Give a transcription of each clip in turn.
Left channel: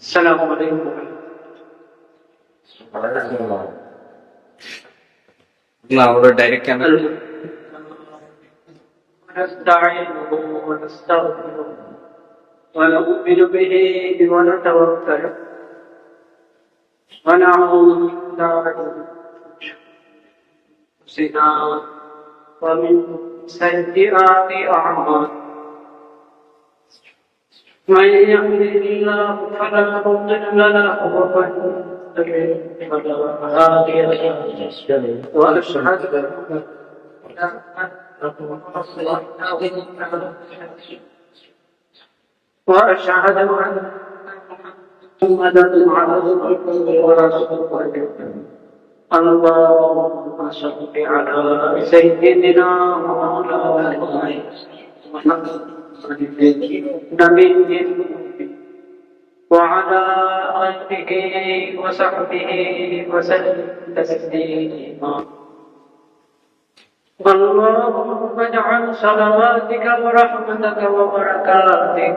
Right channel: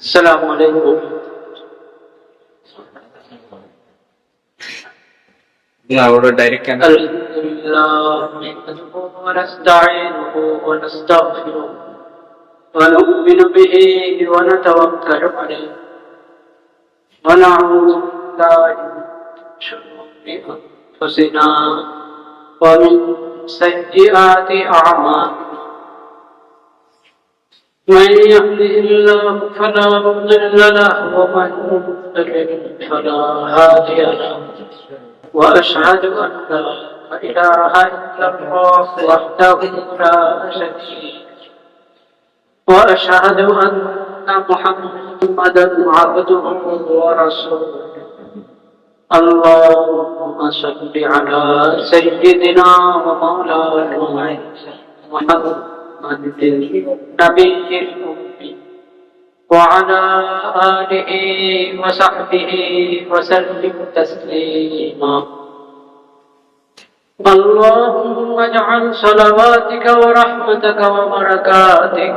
السلام عليكم. Direct camera. الحمد لله نحمده ونستعينه ونستغفره ونؤمن به ونتوكل عليه ونعوذ بالله من شرور أنفسنا ومن سيئات أعمالنا. من يهده الله فلا مضل له ومن يضلل فلا هادي له. وأشهد أن لا إله إلا الله وحده لا شريك له وأشهد أن محمدا عبده ورسوله. اللهم صل على سيدنا ومولانا محمد النبي الأمي وعلى آله وصحبه وسلم تسليما. اللهم اجعل صلواتك ورحمتك وبركاتك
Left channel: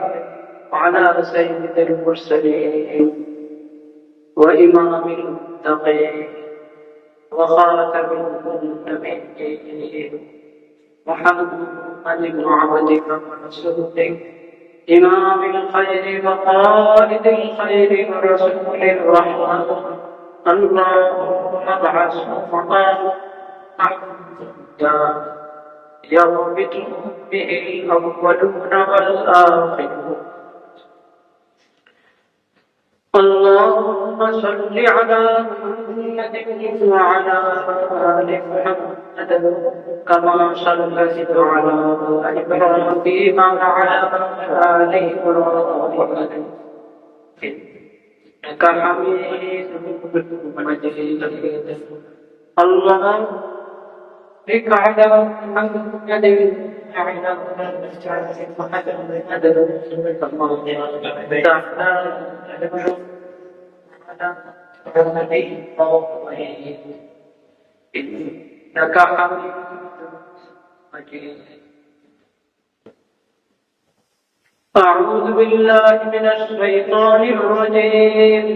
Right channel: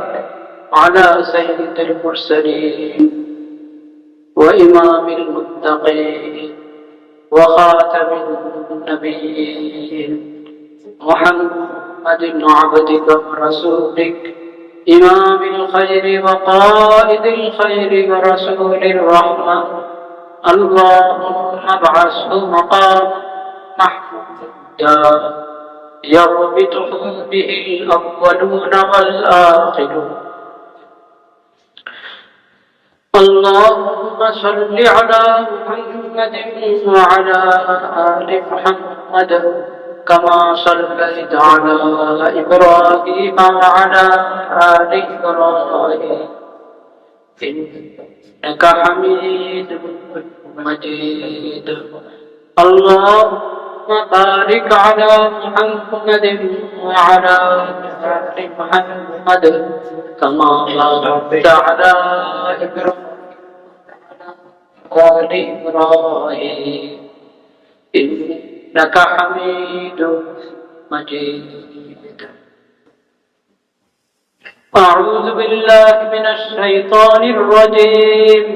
على سيد المرسلين وإمام المتقين وخاتم النبيين محمد عبدك ورسولك إمام الخير وقائد الخير ورسول الرحمة. اللهم ابعثه مقام محمودا يربطه به الأولون والآخرون. اللهم صل على محمد وعلى آل محمد كما صليت على إبراهيم وعلى آل إبراهيم إنك حميد مجيد. اللهم بارك على محمد وعلى آل محمد كما باركت على إبراهيم وعلى آل إبراهيم إنك حميد مجيد. أعوذ بالله من الشيطان الرجيم.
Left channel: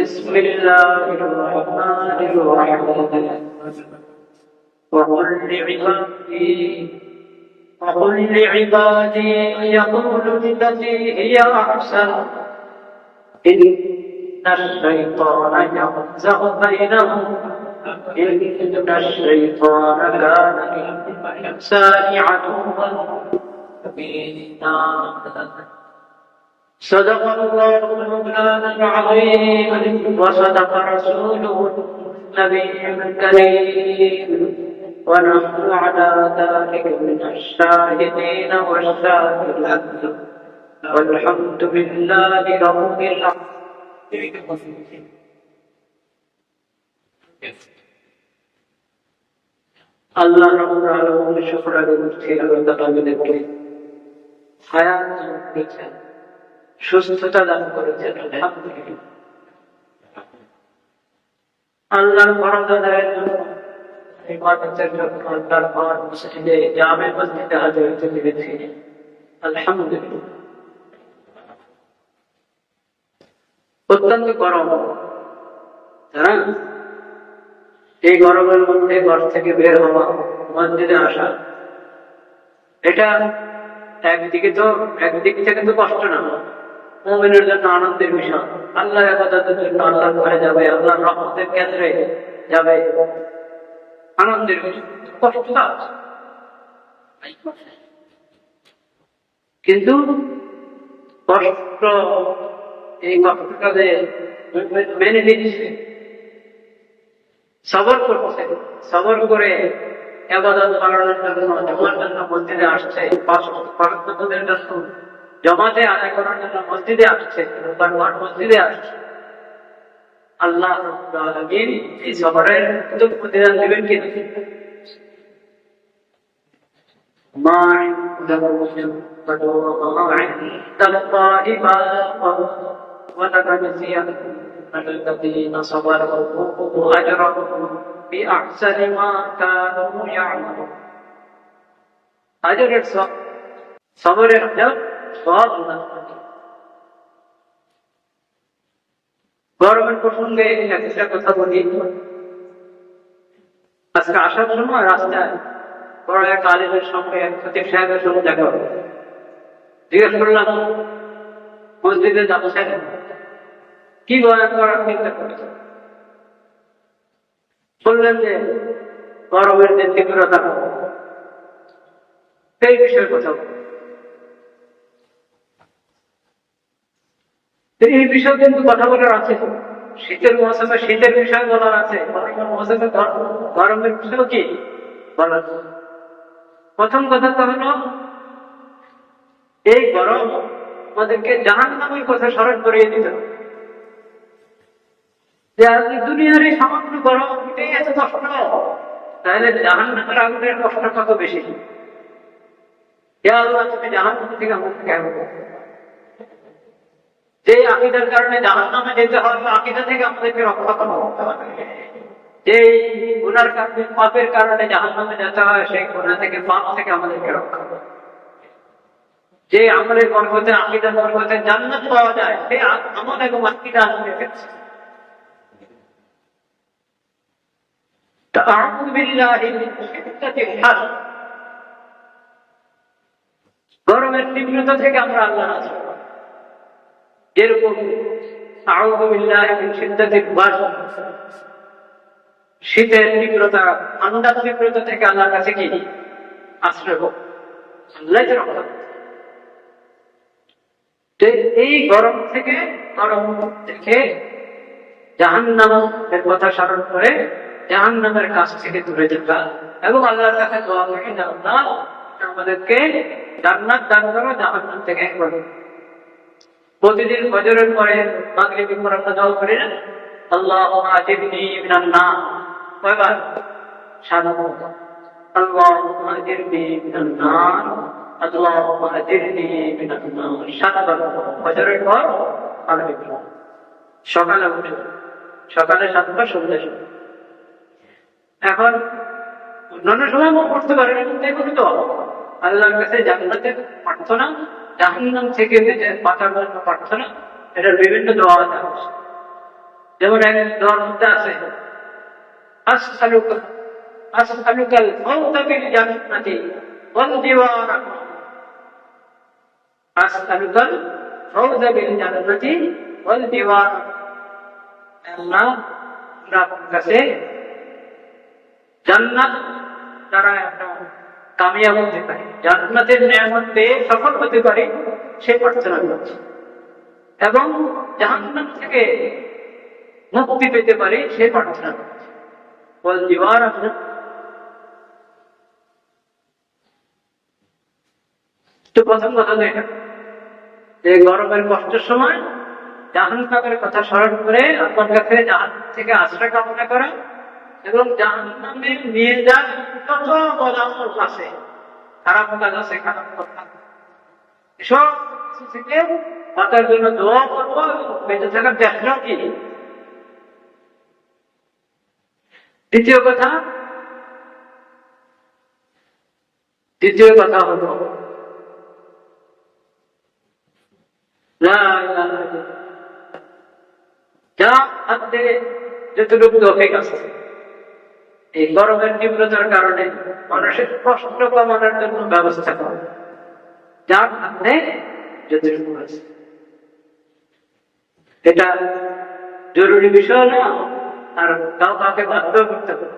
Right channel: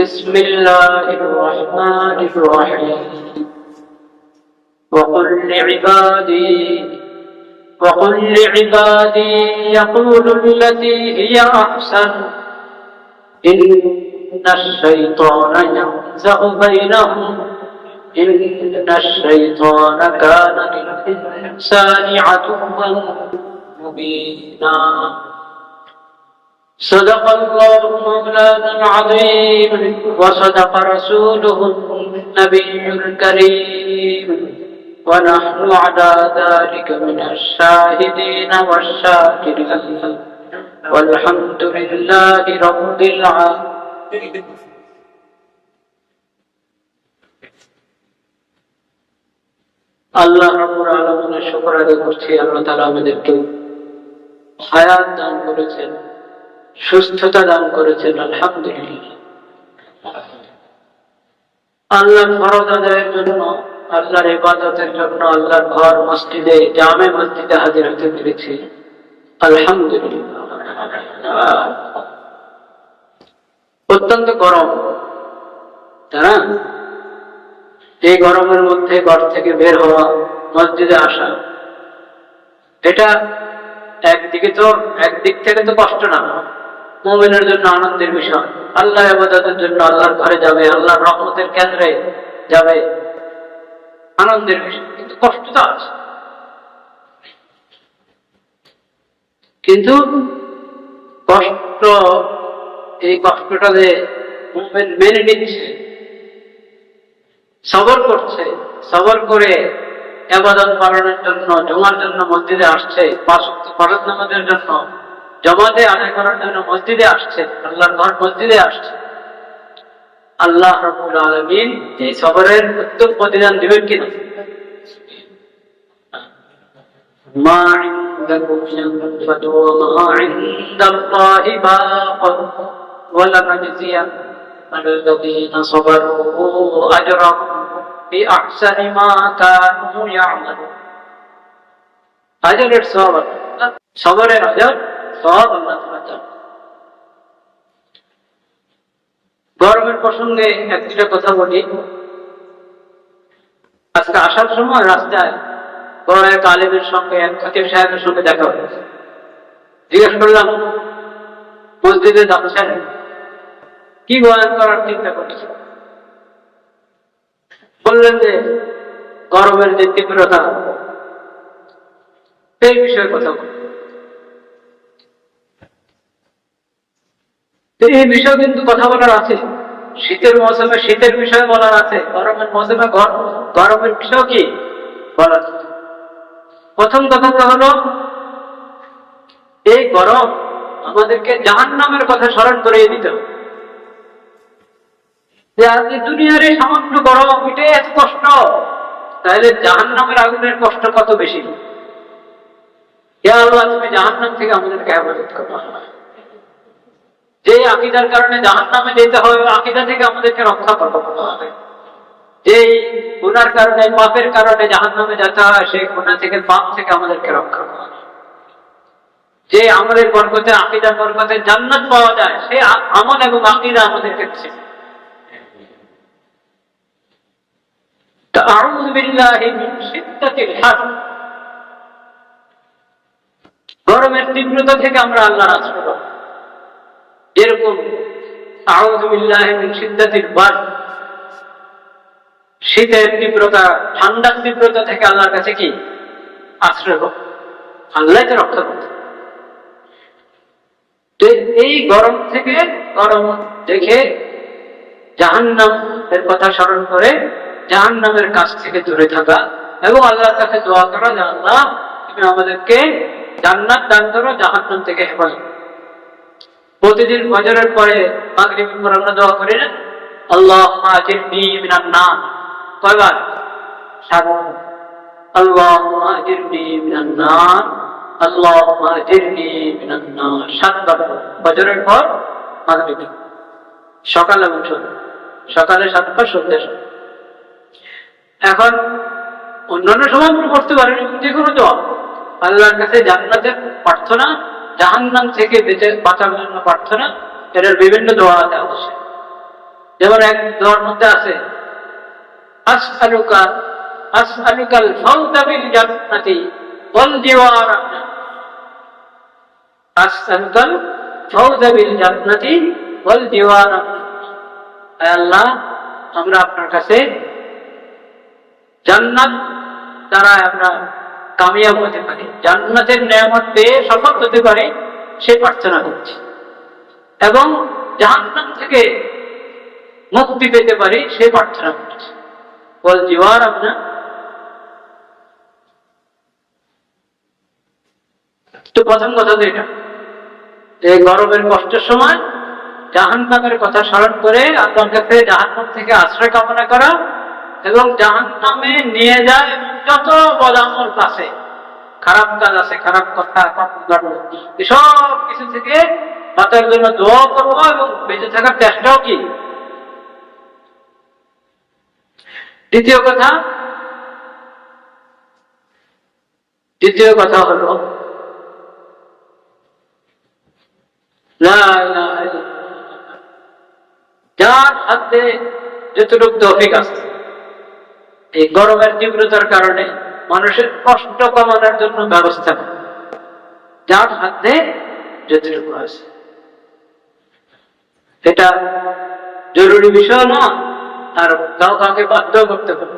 بسم الله الرحمن الرحيم. وقل لعبادي يقولوا التي هي أحسن إن الشيطان ينزغ بينهم إن الشيطان كان للإنسان عدوا مبينا. صدق الله مولانا العظيم وصدق رسوله النبي الكريم ونحن على ذلك من الشاهدين والشاكرين والحمد لله رب العالمين. আল্লাহ রাব্বুল আলামিনের শুকর আদায় করছি। আল্লাহ তাআলা আমাদেরকে হায়াত দান করেছেন, সুস্থতা দান করেছেন, আলহামদুলিল্লাহ। আল্লাহর ফরজ আদায়ের জন্য, আল্লাহর ইবাদতের জন্য আল্লাহর ঘর মসজিদে, জামে মসজিদে হাজির হতে পেরেছি, আলহামদুলিল্লাহ। অত্যন্ত গরম, তাই না? এই গরমের মধ্যে ঘর থেকে বের হওয়া, মসজিদে আসা, এটা একদিক থেকে তো কষ্ট না, মুমিনের জন্য আনন্দের বিষয়। আল্লাহ ইবাদতের জন্য আল্লাহর ঘরে যাবে, আল্লাহর রহমতের কেন্দ্রে যাবে, আনন্দের বিষয়। কিন্তু কষ্ট তো আছে। কিন্তু কষ্ট, এই কষ্টটা যে মেনে নিচ্ছে, সবর করছে, সবর করে ইবাদত পালনের জন্য, জমার জন্য মসজিদে আসছে, পাঁচ ওয়াক্ত ফরজ নামাজের জন্য জমাতে আদায় করার জন্য মসজিদে আসছে, আল্লাহর ঘর মসজিদে আসছে। আল্লাহ রাব্বুল আলামিন এই সবরের উত্তম প্রতিদান দিবেন কিনা? মা ইনদাকুম ইয়ানফাদু ওয়া মা ইনদাল্লাহি বাক ওয়া লানাজিয়ান্না আল্লাযীনা সাবারু আজরাহুম বিআহসানি মা কানু ইয়ামালুন। আজরের সওয়াব সবরের আজার সব আল্লাহ তাআলা দেন। গরমের প্রসঙ্গে একটা কথা বলি। আজকে আসার সময় রাস্তায় বড় এক আলেমের সঙ্গে, এক খতিব সাহেবের সঙ্গে দেখা হয়েছে। জিজ্ঞেস করলাম, মসজিদে যাচ্ছেন, কি বয়ান করার চিন্তা করছেন? বললেন যে গরমের যে তীব্রতা, এই বিষয়ে কথা বল। এই বিষয়ে কিন্তু কথা বলার আছে। শীতের মৌসুমে শীতের বিষয়ে বলার আছে, গরমের মৌসুমে গরমের বিষয় কি বলার আছে। প্রথম কথা তো হলো, এই গরম আমাদেরকে জাহান্নামের কথা স্মরণ করিয়ে দিত। যে আজকে দুনিয়ার এই সামান্য গরম, এটাই এত কষ্ট, তাহলে জাহান্নামের আগুনের কষ্ট কত বেশি। হে আল্লাহ, তুমি জাহান্নাম থেকে আমাদেরকে হেফাজত করো। যে আকীদার কারণে জাহান্নামে যেতে হবে, আকীদা থেকে আমাদেরকে রক্ষা করো। যেই গুনার কারণে, পাপের কারণে জাহান্নামে যেতে হয়, সেই গুনাহ থেকে, পাপ থেকে আমাদেরকে রক্ষা করো। যে আমলের বরকতে, আকীদার বরকতে জান্নাত পাওয়া যায়, সেই আমল এবং আকীদা আমাদেরকে দিচ্ছে। আউযু বিল্লাহি মিন শিদ্দাতিল হার, গরমের তীব্রতা থেকে আমরা আল্লাহর আশ্রয় পাবো। যেরকম আউযু বিল্লাহি মিন শিদ্দাতিল বারদ, শীতের তীব্রতা, ঠান্ডার তীব্রতা থেকে আল্লাহর কাছে কি আশ্রয় পাবো, আল্লাহ তো রক্ষা করতে। এই গরম থেকে, গরম দেখে জাহান্নামের কথা স্মরণ করে জাহান্নামের কাছ থেকে দূরে থাকা এবং আল্লাহর কাছে দোয়া করা, যে আল্লাহ তুমি আমাদেরকে জান্নাত দান করো, জাহান্নাম থেকে হেফাজত। প্রতিদিন ফজরের পরে, মাগরিবের পর আমরা দোয়া করি না, আল্লাহুম্মা আজিরনি মিনান নার, কয়বার? 7 বার। আল্লাহুম্মা আজিরনি মিনান নার, আল্লাহুম্মা আজিরনি মিনান নার, 7 বার ফজরের পর, মাগরিবের পর, সকাল এবং সন্ধ্যা। সকালে 7 বার, সন্ধ্যায় 7 বার। এখন অন্যান্য সময় মনে করতে পারেন, যে কোনো দোয়া, আল্লাহর কাছে জান্নাতের প্রার্থনা, জাহান্নাম থেকে বাঁচার জন্য প্রার্থনা, এটার বিভিন্ন দোয়া আছে। যেমন এক দোয়ার মধ্যে আছে, আসআলুকাল ফাওজা বিল জান্নাতি ওয়াল জিওয়ার, আসআলুকাল ফাওজা বিল জান্নাতি ওয়াল জিওয়ার। আল্লাহ, আমরা আপনার কাছে জান্নাত দ্বারা আমরা কামিয়াব হতে পারি, জান্নাতের নেয়ামত পেয়ে সফল হতে পারি, সে প্রার্থনা করছি, এবং জাহান্নাম থেকে মুক্তি পেতে পারি, সে প্রার্থনা করছি। বল জিওয়ার আপনার, তো প্রথম কথা তো এটা, যে গরমের কষ্টের সময় জাহান্নামের কথা স্মরণ করে আল্লাহর কাছে জাহান্নাম থেকে আশ্রয় কামনা করা, এবং জাহান্নামে নিয়ে যায় যত বদামল আছে, খারাপ কাজ আছে, খারাপ কথা, সব কিছু থেকে বাঁচার জন্য দোয়া করবো এবং বেঁচে থাকার চেষ্টাও কি। দ্বিতীয় কথা হলো, যার হাতে যতটুকু তৌফিক আছে, এই গরমের তীব্রতার কারণে মানুষের কষ্ট কমানোর জন্য ব্যবস্থা করা, যার হাতে যতটুকু আছে। এটা জরুরি বিষয় না, আর কাউকে বাধ্য করতে হবে।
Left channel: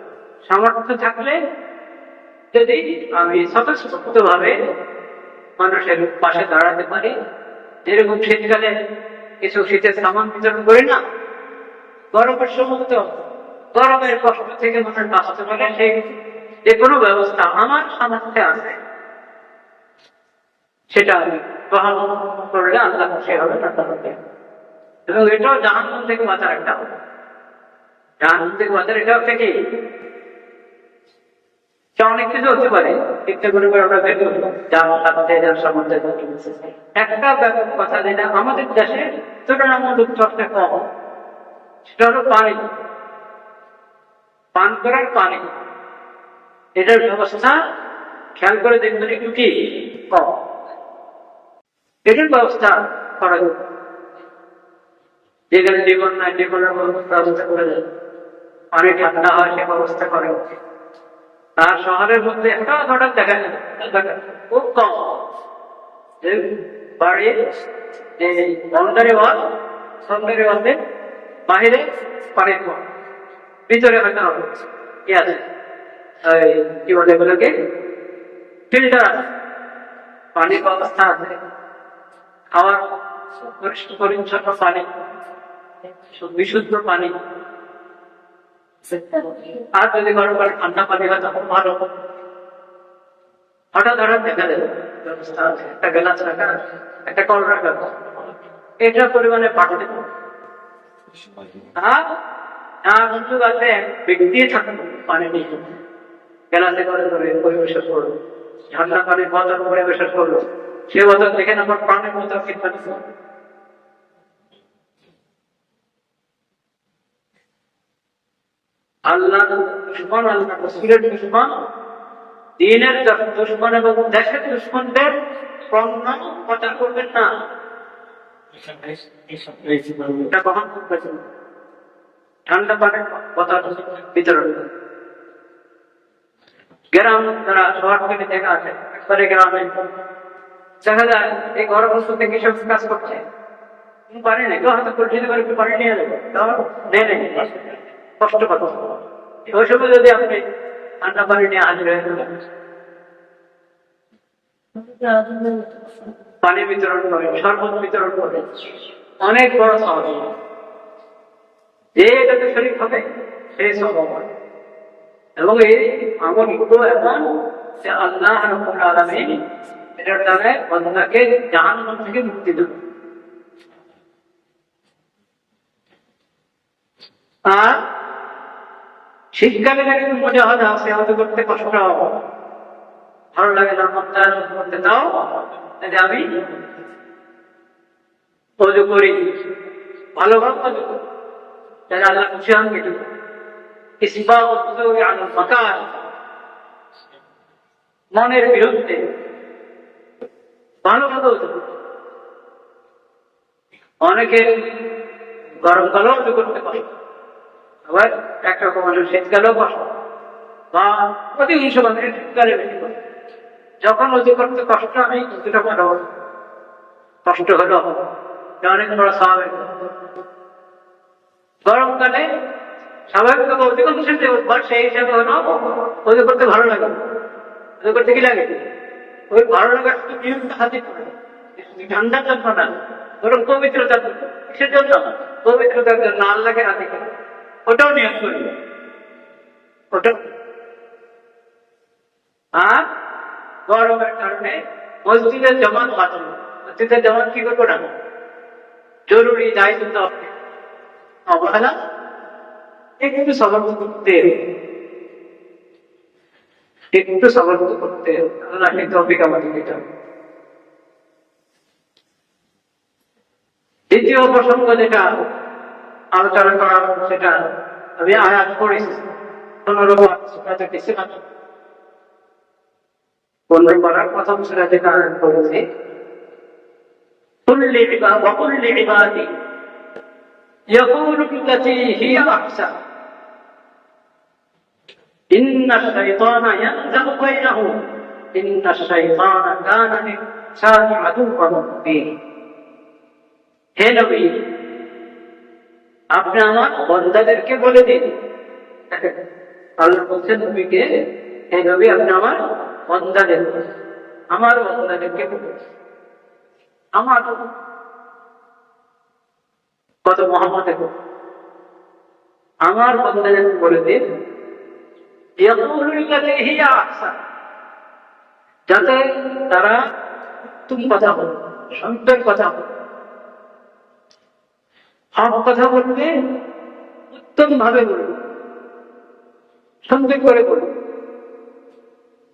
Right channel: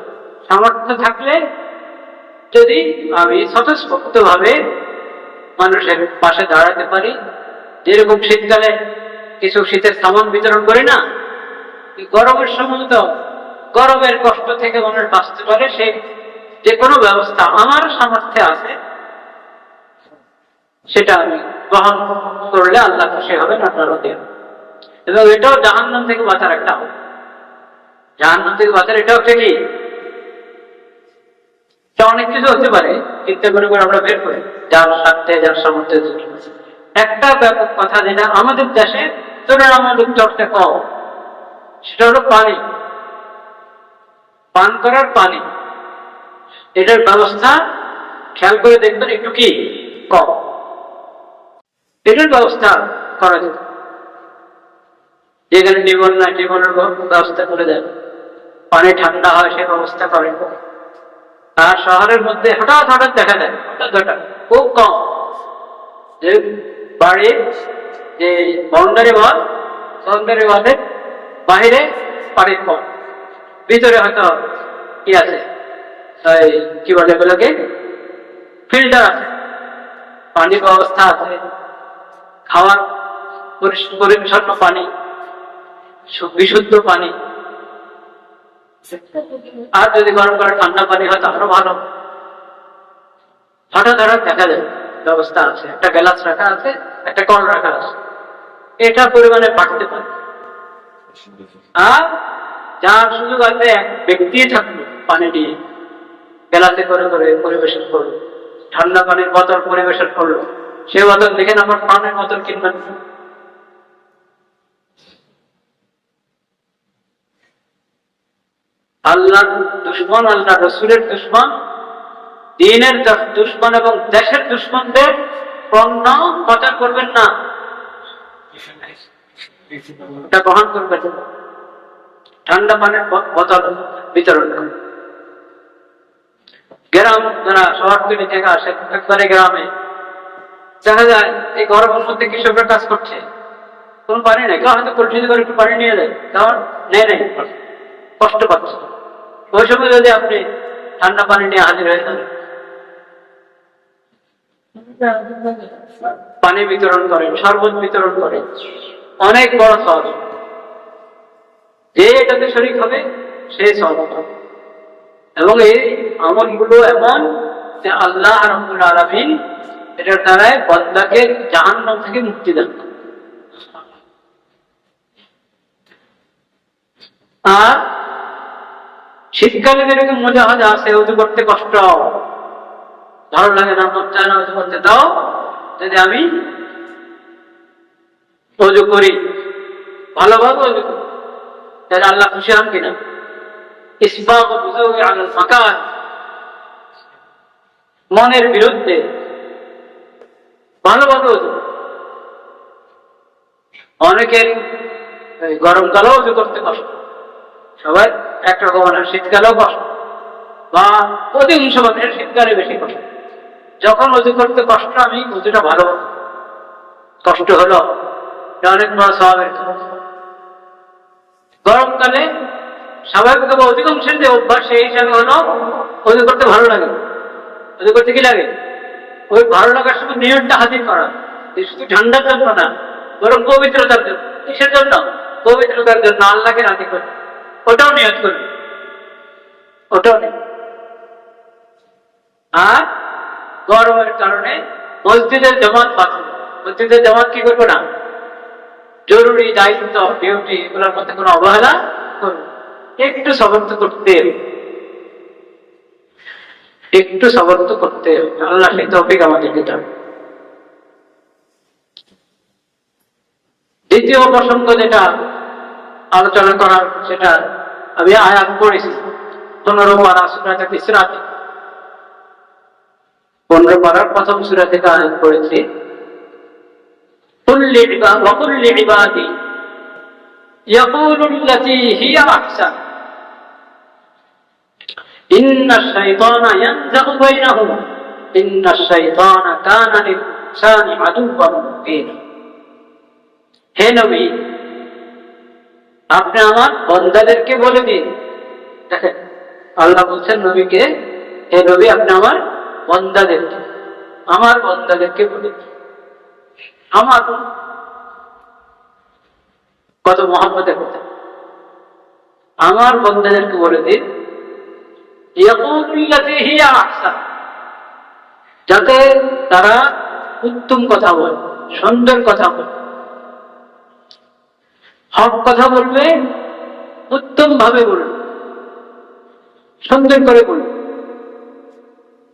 সামর্থ্য থাকলে যদি আমি স্বতঃস্ফূর্ত ভাবে মানুষের পাশে দাঁড়াতে পারি, যেরকম শীতকালে কিছু শীতের সামান বিতরণ করি না, গরমের সময় তো গরমের কষ্ট থেকে মানুষ বাঁচতে পারে, সেই যে কোনো ব্যবস্থা আমার সামর্থ্যে আছে, সেটা আমি গ্রহণ করলে আল্লাহ খুশি হবেন, আপনারও দেন। এবং এটাও জাহান্নাম থেকে বাঁচার একটা, জাহান্নাম থেকে বাঁচার এটা হচ্ছে কি, অনেক কিছু হতে পারে, চিন্তা করে আমরা বের করি, যার সাথে যার সামর্থ্যে। একটা ব্যাপক কথা যেটা আমাদের দেশে তুলনামূলক চর্চা কম, সেটা হলো পানি, পান করার পানি। এটার ব্যবস্থা খেয়াল করে দেখবেন একটু কি কম। এটার ব্যবস্থা করা যেত, যেখানে জীবন না জীবনের ব্যবস্থা করে দেয়, পানি ঠান্ডা হয় সে ব্যবস্থা করে। আর শহরের মধ্যে হঠাৎ হঠাৎ দেখা যায়, হঠাৎ হঠাৎ খুব কম, যে বাড়ির যে বাউন্ডারি ওয়ালের বাহিরে পানির কল, ভিতরে হয়তো কি আছে, কি বলে এগুলোকে, ফিল্টার আছে, পানির ব্যবস্থা আছে, খাওয়ার পরিচ্ছন্ন পানি, বিশুদ্ধ পানি। আর যদি গরম করে ঠান্ডা পানি হয় তাহলে ভালো। হঠাৎ হঠাৎ দেখা যায় ব্যবস্থা আছে, একটা গ্লাস রাখা আছে, একটা কল রাখা আছে, এটা পরিমাণে বাড়তে পারে। আর যার সুযোগ আছে এক ব্যক্তি থাকলো পানি নিয়ে গ্লাসে করে করে পরিবেশন করলো, ঠান্ডা পানির বোতল পরিবেশন করলো, সে বোতল দেখে না আমার পানির বোতল কিনবেন। আল্লাহ দুশ্মন, আল্লাহ রসুলের দুশ্মন, দিনের দুশ্মন এবং দেশের দুশ্মনদের পণ্য পাচার করবেন না, এটা গ্রহণ করবেন না। ঠান্ডা পানির বোতল বিতরণ করবেন। গ্রাম যারা শহরতলি থেকে আসে, একবারে গ্রামে দেখা যায় এই গরমের মধ্যে কৃষকরা কাজ করছে, কোন পানি নেই, কেউ হয়তো কলসিতে করে একটু পানি নিয়ে যায়, তাও নেই, কষ্ট পাচ্ছে। ওই সময় যদি আপনি ঠান্ডা পানি নিয়ে হাজির হয়ে যান, পানি বিতরণ করেন, শরবত বিতরণ করেন, অনেক বড় সওয়াব। যে এটাতে শরীক হবে সে সওয়াব পাবে। এবং এই আমলগুলো এমন যে আল্লাহ রাব্বুল আলামিন এটার দ্বারাই বান্দাকে জাহান্নাম থেকে মুক্তি দেন। আর শীতকালে যেরকম মজা আছে, উজু করতে কষ্ট, ভালো লাগে না, মন চায় না উজু করতে, তাও যদি আমি উজু করি, ভালোভাবে উজু করি, তাহলে আল্লাহ খুশি হন কিনা? ইসবাগুল উযুই আলাল মাকান, মনের বিরুদ্ধে ভালোভাবে উজু। অনেকের গরমকালেও উজু করতে কষ্ট, সবাই একরকম, শীতকালেও কষ্ট, বা অধিকাংশ মানুষের শীতকালে বেশি কষ্ট। যখন উজু করতে কষ্ট, আমি উজুটা ভালো, কষ্ট হলো অনেক বড় স্বভাবের। গরমকালে স্বাভাবিকভাবে অধিকাংশের যে অভ্যাস, সেই হিসাবে হলো উজু করতে ভালো লাগে। উজু করতে কি লাগে? ওই ভালো লাগার শুধু নিয়মটা হাজির করা, শুধু ঠান্ডার জন্য না, বরং পবিত্রতার জন্য। কিসের জন্য? পবিত্রতার জন্য, আল্লাহকে রাজি করে, ওটাও নিয়ত করবে, ওটাও নেই। আর গরমের কারণে মসজিদের জামাত বাতিল। মসজিদের জামাত কি করবো না, জরুরি দায়িত্ব, ডিউটি, এগুলোর মধ্যে কোনো অবহেলা করবে। একটু সবর তো করতে, একটু সবর তো করতে, আল্লাহ সেই তৌফিক আমাদের দিতে হবে। দ্বিতীয় প্রসঙ্গ যেটা আলোচনা করার, সেটা আমি আয়াত পড়েছি 15 পারা সূরা ইসরাতে, 15 পারার প্রথম সূরা থেকে আয়াত পড়েছি। কুল লিইবাদি ইয়াকুলু আল্লাতী হিয়া আহসান ইন্নাশ শাইতানা ইয়ানযাগু বাইনাহুম ইন্নাশ শাইতানা কানা লিল-ইনসানি আদুওয়ান মুবিনা। হে নবী, আপনি আমার বান্দাদেরকে বলে দিন। দেখেন, আল্লাহ বলছেন নবীকে, হে নবী, আপনি আমার বান্দাদেরকে বলে দিন। আমার কত মহব্বতের কথা। আমার বান্দাদেরকে বলে দিন, ইয়াকুলুল্লাযী হিয়া আহসান, যাতে তারা উত্তম কথা বলে, সুন্দর কথা বলে, হক কথা বলবে, উত্তম ভাবে বলবে, সুন্দর করে বলবে,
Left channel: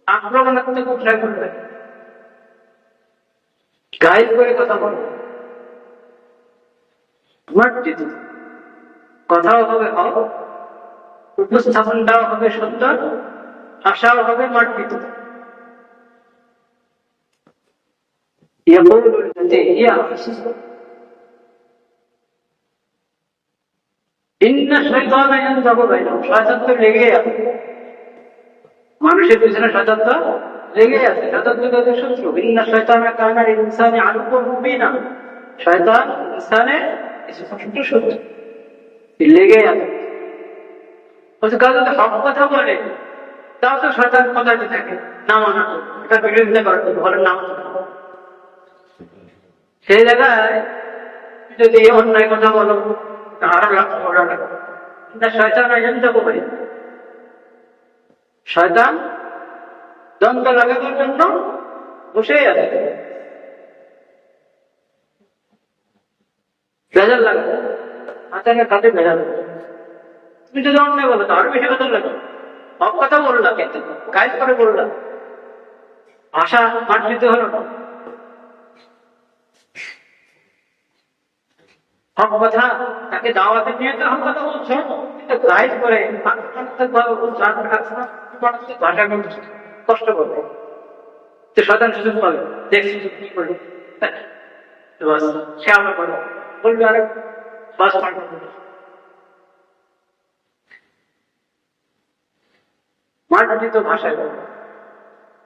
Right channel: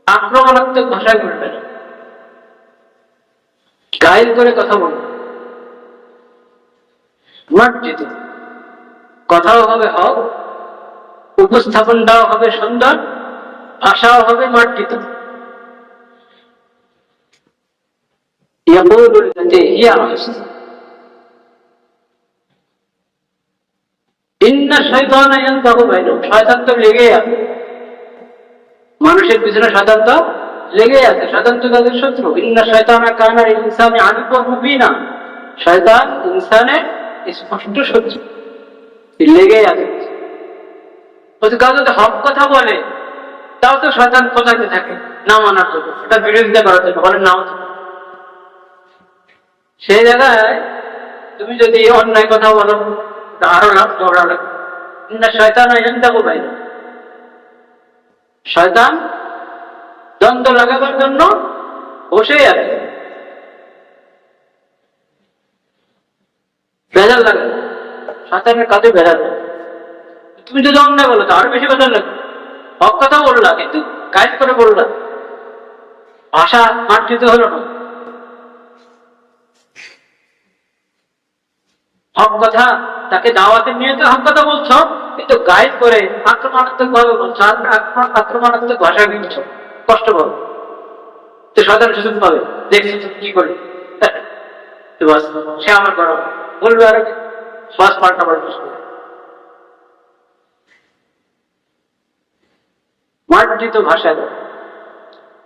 আক্রমণাত্মক ভাষায় বলবে না, গাইল করে কথা বলবে, মার্জিত কথাও হবে হক, উপস্থাপনটাও হবে সুন্দর, ভাষাও হবে মার্জিত। ইয়াকুলু আল্লাতী হিয়া আহসান ইন্না শাইতানা ইয়ানজাগু বাইনাহুম, শয়তান তো লেগেই আছে, মানুষের পিছনে শয়তান তো লেগে আছে, শয়তান তো তাদের শত্রু। ইন্না শাইতানা কানা লিল ইনসানি আদুওয়ান মুবিনা, শয়তান ইনসানের স্পষ্ট শত্রু, লেগেই আছে। কেউ যদি হক কথা বলে তাও তো শয়তান খোঁজাতে থাকে না মানার জন্য, এটা বিরোধিতা করার জন্য, বলে নাও তো। সেই জায়গায় তুমি যদি অন্যায় কথা বলো আরো ঝগড়া লাগে। না, শয়তান ইয়ানজাগু বাইনাহুম, শয়তান দ্বন্দ্ব লাগাবার জন্য বসেই আছে, ভেজাল লাগে শয়তানের কাজে, ভেজাল লাগে। তুমি যদি অন্যায় বলো তো আরো বেশি ভেজাল লাগে। হক কথা বললা কিন্তু গাইড করে বললা, ভাষা মার্জিত হলো না। হক কথা, তাকে দাওয়াতে নিয়ে তো হক কথা বলছো, কিন্তু গাইড করে আক্রমণাত্মক ভাবে বলছো, আক্রমণাত্মক ভাষা বলছো, কষ্ট পাবে তো, শয়তান সুযোগ পাবে, দেখছো তো কি করবে, তো বাস সে আমার করো বলবে, আর শ্বাস পাল্টা পাল্টা। মার্জিত ভাষা,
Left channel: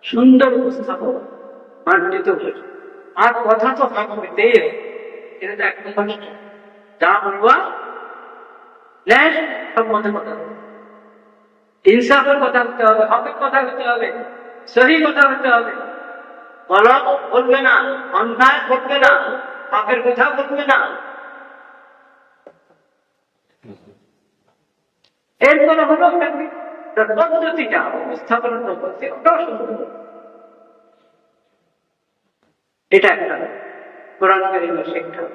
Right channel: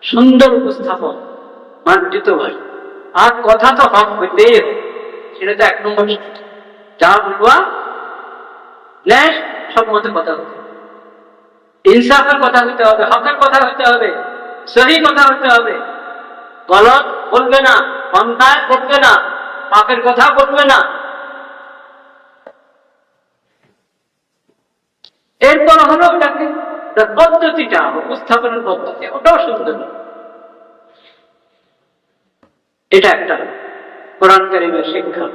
সুন্দর উপস্থাপন, মার্জিত ভাষা, আর কথা তো হক হইতেই হবে, সেটা তো এক নম্বর। যা বলবা ন্যায় সম্মত কথা হতে হবে, ইনসাফের কথা হতে হবে, হকের কথা হতে হবে, সহি কথা হতে হবে, গলত বলবে না, অন্যায় করবে না, পাপের কথা বলবে না। এরপর হলো ওটাকে পদ্ধতিটা, উপস্থাপনের পদ্ধতি, ওটাও সুন্দর। এটা একটা কোরআন কারীমের শিক্ষা,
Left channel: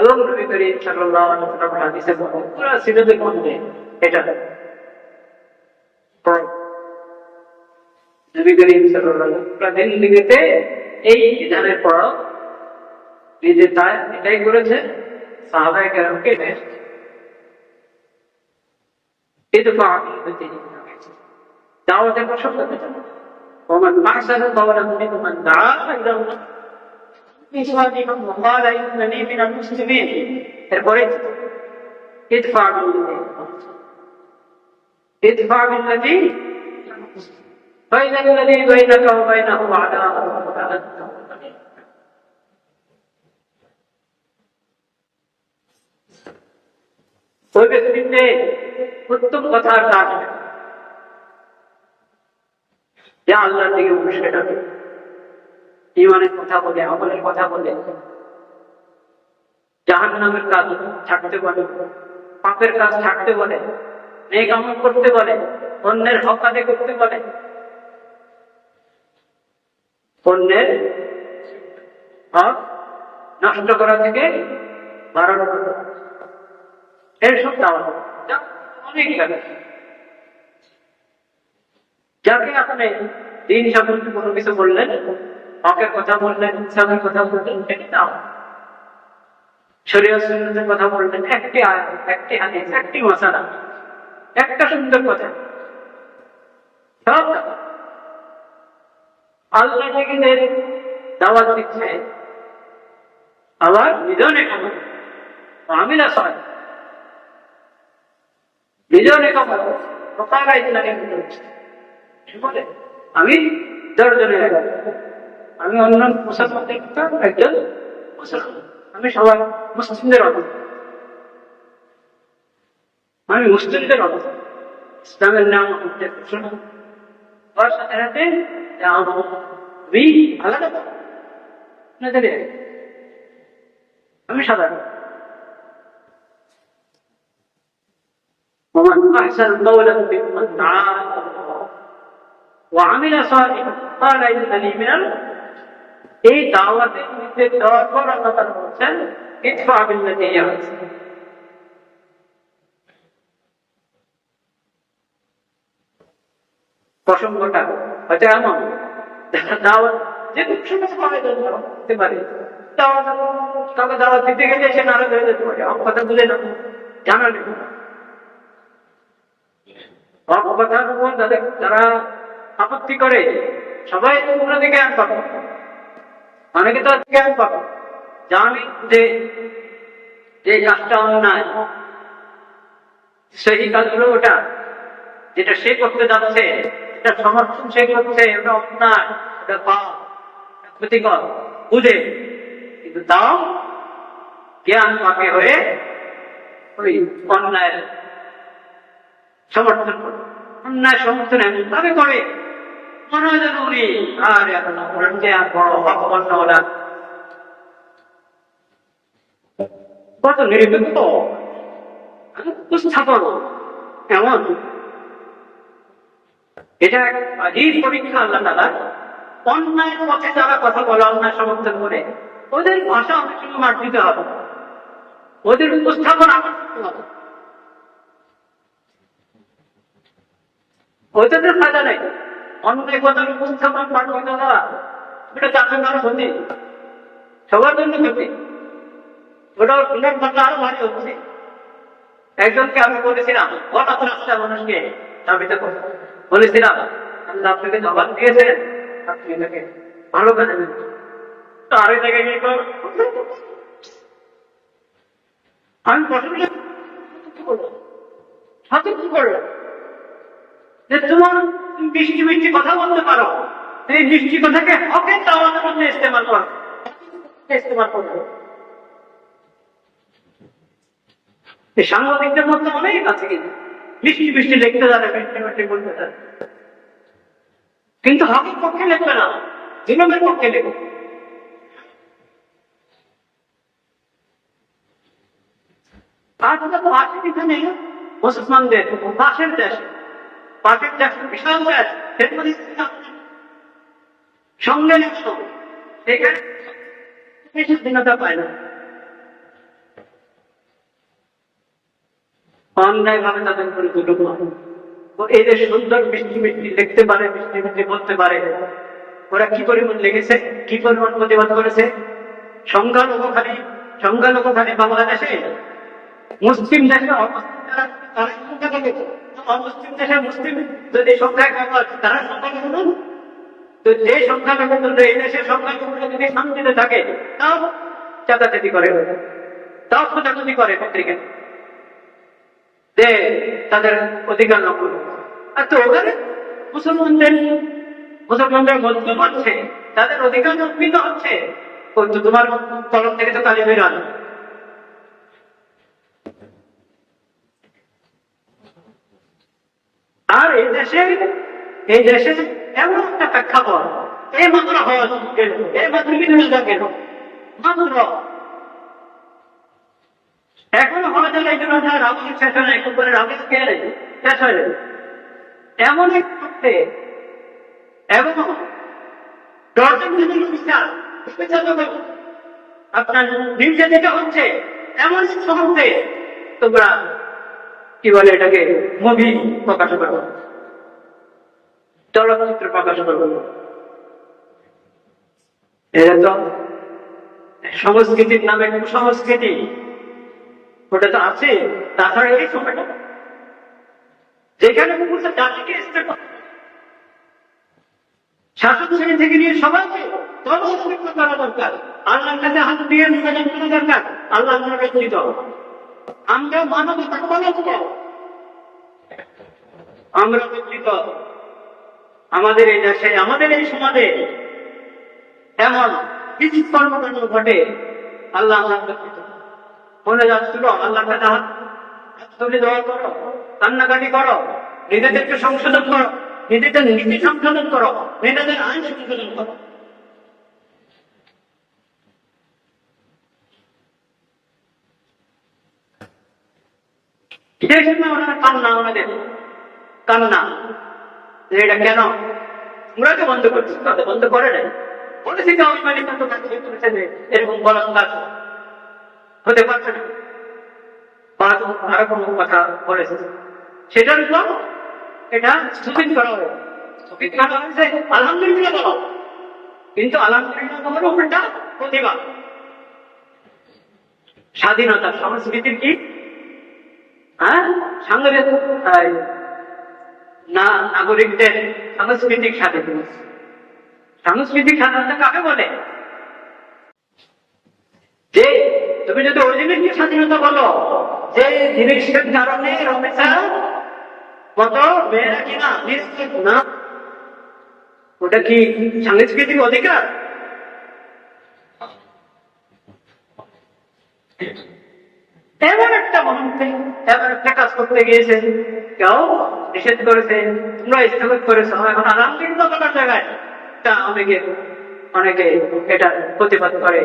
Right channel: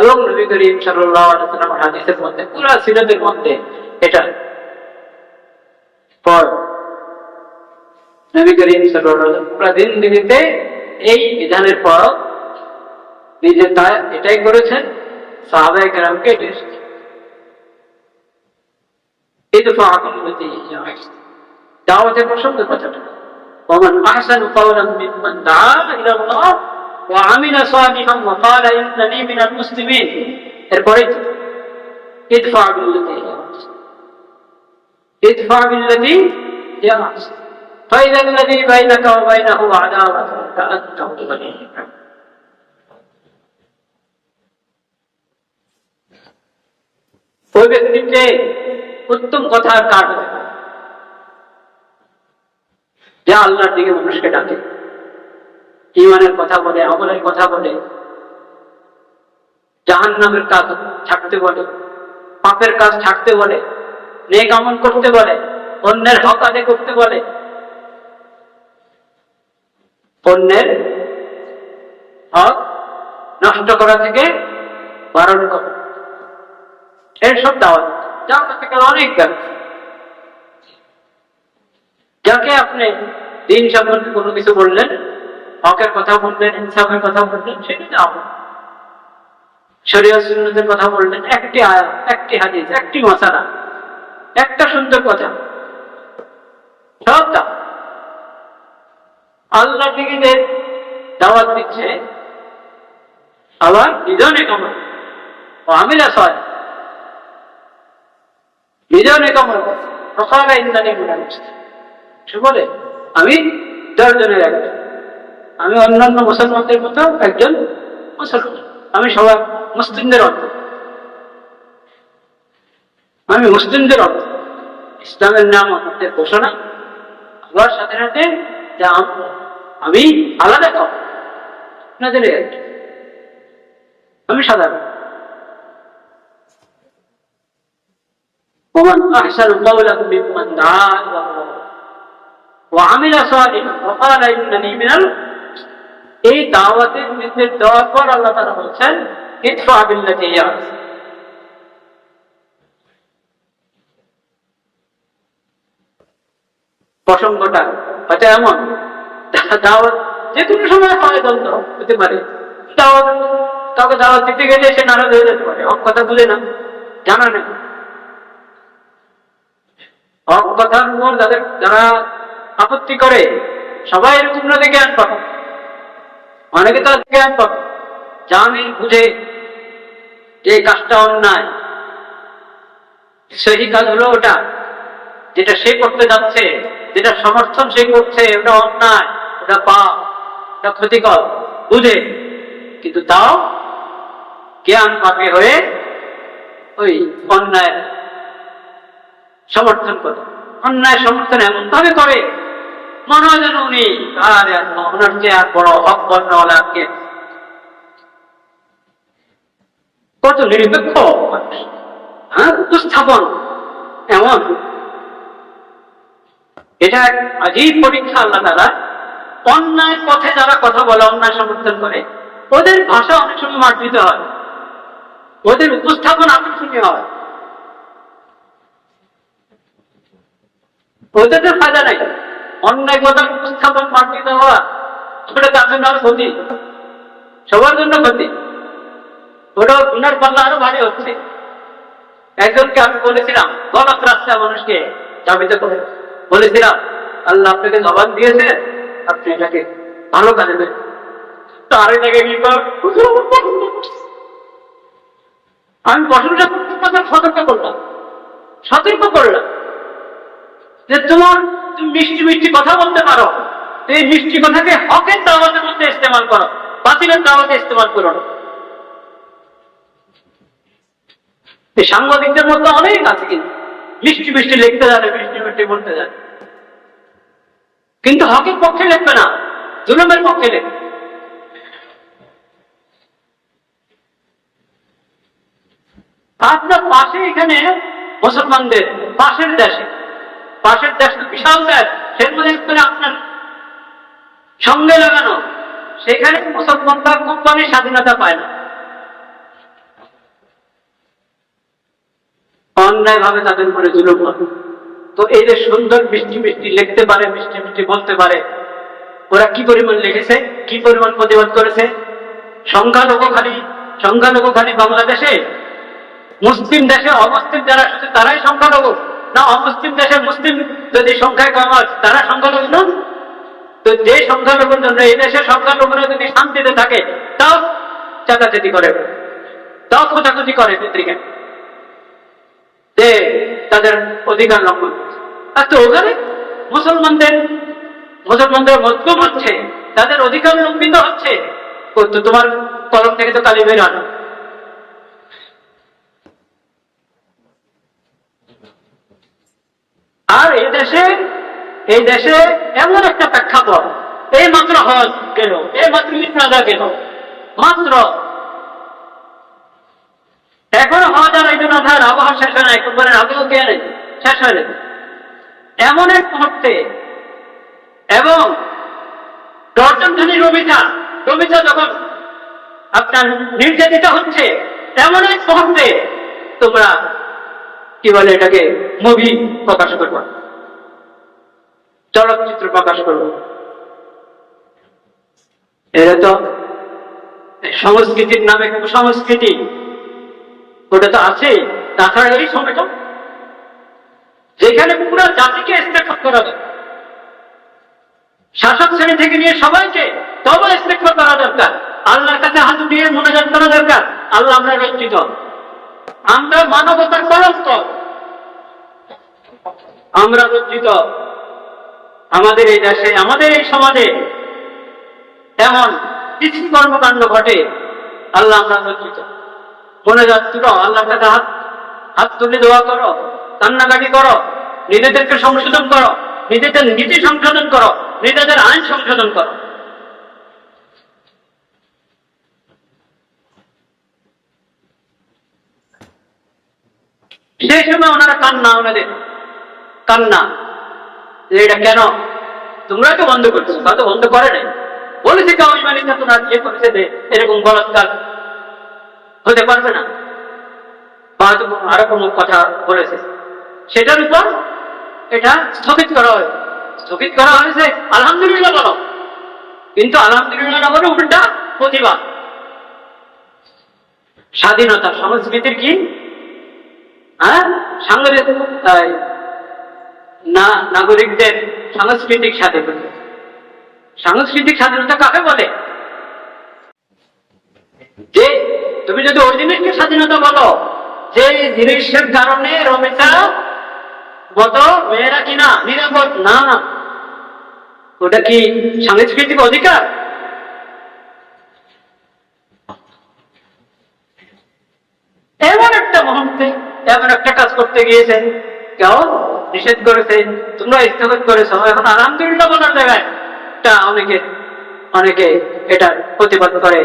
এবং নবী করিম সাল্লাল্লাহু আলাইহি ওয়াসাল্লামের হাদিসের মধ্যে, পুরো সিরাতের মধ্যে এটা পর নবী করিম সাল্লাল্লাহু আলাইহি ওয়াসাল্লাম পুরো জিন্দেগিতে এই বিধানের পর নিজে তা এটাই করেছেন, সাহাবায়ে কেরামকে এটা শিখিয়েছেন। ইদফা বিল্লাতী হিয়া আহসান, দাওয়াতের প্রসঙ্গে কথাটা, ওমান আহসানু কাওলান মিম্মান দাআ ইলাল্লাহ ওয়া আমিলা সালিহান ওয়া ক্বালা ইন্নানী মিনাল মুসলিমিন। এরপরে ইদফা বিল্লাতী হিয়া আহসান, ইদফা বিল্লাতী হিয়া আহসান ফাইযা আল্লাযী বাইনাকা ওয়া বাইনাহু আদাওয়াতুন কাআন্নাহু ওলিয়্যুন হামিম। ওই ব্যক্তির চেয়ে উত্তম কথা আর কার হবে না, যা আল্লাহর দিকে মানুষকে ডাকে, ঈমানের কথা বলে, আমলের কথা বলে, জাহান্নামের কাজ ছাড়তে বলে, পাপের কাজ ছাড়তে বলে, নেক আমল করতে বলে, অন্যের হক আদায় করতে বলে, অন্যের হক নষ্ট করা থেকে বারণ করে, এসব দাওয়াত। দাওয়াত থেকে অনেক জ্ঞান, যাকে আপনি দিন সম্বন্ধে কোনো কিছু বললেন, হকের কথা বললেন, ইনসাফের কথা বললেন, সেটা দাওয়াত। শরীয়ত সুন্নাতের কথা বললেন, একটি আয়াত, একটি হাদিস, একটি মাসালা, একটা সুন্দর কথা, সব দাওয়াত। আল্লাহ থেকে যে দাওয়াত দিচ্ছে, আবার নিজনে কামল ও আমিলা সালেহ, নিজনে কামল ওয়াকালা ইন্নানী মিনাল মুসলিমিন, সে বলে আমি 10 জনের একজন, আমি অন্যান্য মুসলমানদের মতো একজন মুসলমান, আমি সবাই মুসলিমদের অর্থ, আমি মুসলিমদের অর্থ, ইসলামের নাম আমাদের ঘোষণা, আবার সাথে সাথে যা আমি আলাদা কাউ আপনাদের, আমি সাধারণ। ومن أحسن قولا ممن دعا إلى الله وعمل صالحا وقال إنني من المسلمين। এই দাওয়াতের নির্দেশ দেওয়ার পর আল্লাহ তাআলা বলছেন ইদফা বিল্লাতী হিয়া আহসান। প্রসঙ্গটা হয়তো এমন, দাওয়াত যে কোনো সময় হয়, দ্বন্দ্ব হতে পারে, দাওয়াত কাউকে দাওয়াত দিতে গেলে সে নারাজ হয়ে যেতে পারে, হক কথা বুঝে না, জানা নেই, হক কথার উপর যারা আপত্তি করে সবাই এরকম না দেখে আনবা, অনেকে তো জ্ঞান পাবে, জানে বুঝে যে কাজটা অন্যায়, সেই কাজ হলো ওটা, যেটা সে করতে যাচ্ছে, যেটা সমর্থন সে করছে, ওটা অন্যায়, ওটা পাপ, ওটা ক্ষতিকর বুঝে, কিন্তু তাও জ্ঞান পাপে হয়ে ওই অন্যায়ের সমর্থন করে। অন্যায় সমর্থন এমন ভাবে করে মনে হয় যেন উনি আর ওনার চেয়ে আর বড় হক বর্ণওয়ালা কে। কত নিরপেক্ষ মানুষ, হ্যাঁ, উপস্থাপন এমন। এটা এক আজীব পরীক্ষা আল্লাহ তাআলা। অন্যায় পথে যারা কথা বলে, অন্যায় সমর্থন করে, ওদের ভাষা অনেক সময় মার্জিত হয়, ওদের উপস্থাপন আকর্ষণীয় হয়, ওদের ফায়দা নাই। অন্যায় কথার উপস্থাপন মার্জিত হওয়া, ওটা তার জন্য আরো ক্ষতি, সবার জন্য ক্ষতি। ওটা গুনার পাল্লা আরো ভারী হচ্ছে। একজনকে আমি বলেছিলাম, গলত রাস্তায় মানুষকে চাবিত করে বলেছিলাম, আল্লাহ আপনাকে জবান দিয়েছে, আপনি এটাকে ভালো কাজে দেন। তার থেকে কি আমি প্রশংসা সতর্ক করলাম, সতর্ক করলাম যে তুমি মিষ্টি মিষ্টি কথা বলতে পারো, এই মিষ্টি কথাকে হকের দাওয়াতের মধ্যে ইস্তেমাল করো, বাতিলের দাওয়াতে ইস্তেমাল করো না। এই সাংবাদিকদের মধ্যে অনেক আছে, কিন্তু মিষ্টি মিষ্টি লিখতে জানে, মিষ্টি মিষ্টি বলতে জানে, কিন্তু হকের পক্ষে লিখবে না, জুলুমের পক্ষে লিখবে। আপনার পাশে এখানে মুসলমানদের পাশের দেশে, পাশের দেশ বিশাল দেশ, সের মধ্যে আপনার সঙ্গে লাগানো, সেখানে মুসলমানরা কোম্পানির স্বাধীনতা পায় না, অন্যায় ভাবে তাদের উপরে জুলুম হয়। তো এই যে সুন্দর মিষ্টি মিষ্টি লিখতে পারে, মিষ্টি মিষ্টি বলতে পারে, ওরা কি পরিমাণ লিখেছে, কি পরিমাণ প্রতিবাদ করেছে। সংখ্যালঘু খালি বাংলাদেশে, মুসলিম দেশে অমুসলিম যারা শুধু তারাই সংখ্যালঘু না? অমুসলিম দেশে মুসলিম যদি সংখ্যায় কম হয়, তারা সংখ্যালঘু নন? তো যে সংখ্যালঘুর জন্য এই দেশের সংখ্যালঘুরা যদি শান্তিতে থাকে, তাও চাচাচাচি করে, তাও খোঁজাখুঁজি করে পত্রিকা যে তাদের অধিকার লঙ্ঘন করছে। আর তো ওখানে মুসলমানদের মজলুম হচ্ছে, তাদের অধিকার লঙ্ঘিত হচ্ছে, তো তোমার কলম থেকে তো কালি বের আনো। আর এই দেশে এমন একটা প্রেক্ষাপট, এই মাত্র হজ গেল, এই মাত্র ঈদ আযহা গেল, মাত্র এখনো হজ আর ঈদ আযহার আবহাওয়া শেষ হয় নাই, কুরবানির আগেও কে শেষ হয়ে যাবে এমন এক মুহূর্তে। এবং দর্শনধানী রবিচা যখন আপনার নির্যাতিত হচ্ছে, এমন এক মুহূর্তে তোমরা কি বলে এটাকে, মুভি প্রকাশ করবো, চলচ্চিত্র প্রকাশ করবো। এটা তো সংস্কৃতির নামে কুসংস্কৃতি, ওটা তো আছেই। তাছাড়া এই সময়টা যেখানে পুরো জাতিকে স্টেট করা যায়, শাসক শ্রেণী থেকে নিয়ে সবাইকে তবে স্টেট করা দরকার, আল্লাহর কাছে হাত দিয়ে মোনাজাত করা দরকার, আল্লাহ আমরা লজ্জিত, আমরা মানবতার কলঙ্ক, আমরা লজ্জিত। আমাদের এই দেশে, আমাদের এই সমাজে এমন কিছু কর্মকাণ্ড ঘটে, আল্লাহ আমরা লজ্জিত। মোনাজাত তুলো, আল্লাহর কাছে হাত তুলে দোয়া করো, কান্নাকাটি করো, নিজেদেরকে সংশোধন করো, নিজেদের নীতি সংশোধন করো, নিজেদের আইন সংশোধন করো। সেই সময় ওনারা কান্না, ওনাদের কান্না যে এটা কেন তোমরা তো বন্ধ করছো, বা তো বন্ধ করে নাই, বলেছে কাউমি মালিকা তোমরা যে করেছে যে এরকম বলাৎকার হতে পারবে না, বা আরো কোনো কথা বলেছে, সেটার উপর এটা স্থগিত করা হয়েছে। আলহামদুলিল্লাহ বলো, কিন্তু আলহামদুলিল্লাহ না বলে উল্টা প্রতিবাদ। স্বাধীনতা সংস্কৃতির কি, হ্যাঁ, নাগরিকদের সাংস্কৃতিক স্বাধীনতা। সাংস্কৃতিক স্বাধীনতা কাকে বলে? তুমি যদি ওই জিনিসকে স্বাধীনতা বলো যে জিনিসের কারণে রমেশা মতো মেয়েরা কিনা নিরাপদ না, ওটা কি সাংস্কৃতিক অধিকার? এমন একটা মুহূর্তে এমন একটা কাজ করতে গিয়েছে, কেউ নিষেধ করেছে, তোমরা স্থগিত করেছ, এখন আলহামদুলিল্লাহ বলার জায়গায় এটা অনেকে এটা প্রতিবাদ করে,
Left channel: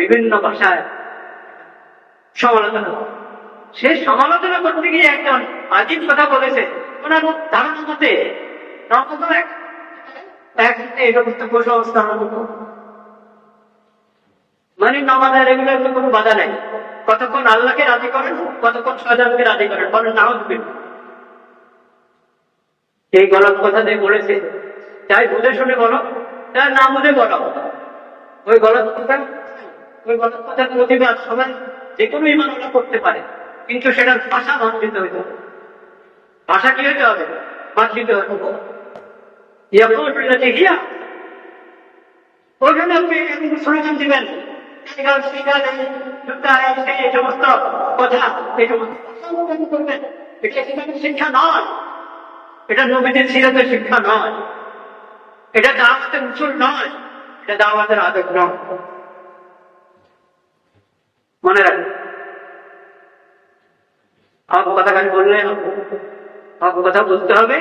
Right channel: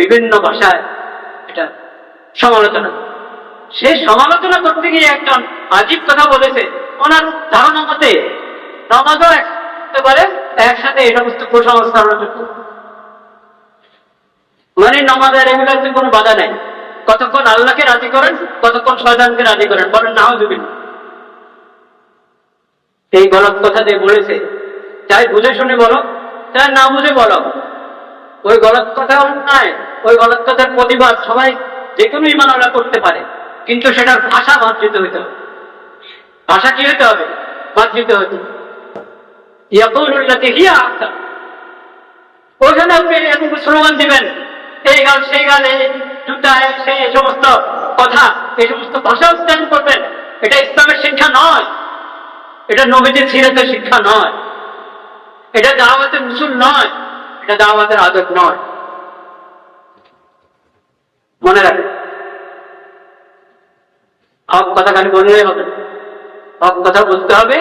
বিভিন্ন ভাষায় এটা সমালোচনা। সে সমালোচনা করতে গিয়ে একজন আজীব কথা বলেছে, ওনার ধারণা মতে নামাজও করতে পারে একসাথে এই সমস্ত কুসংস্কার জন্য, মানে নামাজের এগুলোতে কোনো বাধা নেই। কতক্ষণ আল্লাহকে রাজি করেন, কতক্ষণ শয়তানকে রাজি করেন, বলেন নাউজুবিল্লাহ। এই গলত কথা দিয়ে বলেছে, চাই বুঝে শুনে বলো, চাই না বুঝে বলো, ওই গলত কথা অন্যায়, ওই গলত কথার প্রতিবাদ সবাই যে কোনো ইমানওয়ালা করতে পারে, কিন্তু সেটার ভাষা মার্জিত হইতে হবে। ভাষা কি হইতে হবে? মার্জিত হইতে হবে। ইয়াকুলুল্লাতি হিয়া আহসান, ওখানে আপনি এরকম স্লোগান দিবেন, এই গান সেই গান, এই জুতা সেই সমস্ত কথা, এই সমস্ত ভাষা উচ্চারণ করবেন, এটা ইসলামের শিক্ষা নয়, এটা নবীজির সিরাতের শিক্ষা নয়, এটা দাওয়াতের উসুল নয়, এটা দাওয়াতের আদত নয়। মনে রাখবেন, হক কথা খালি বললেই হবে, হক কথা বুঝতে হবে,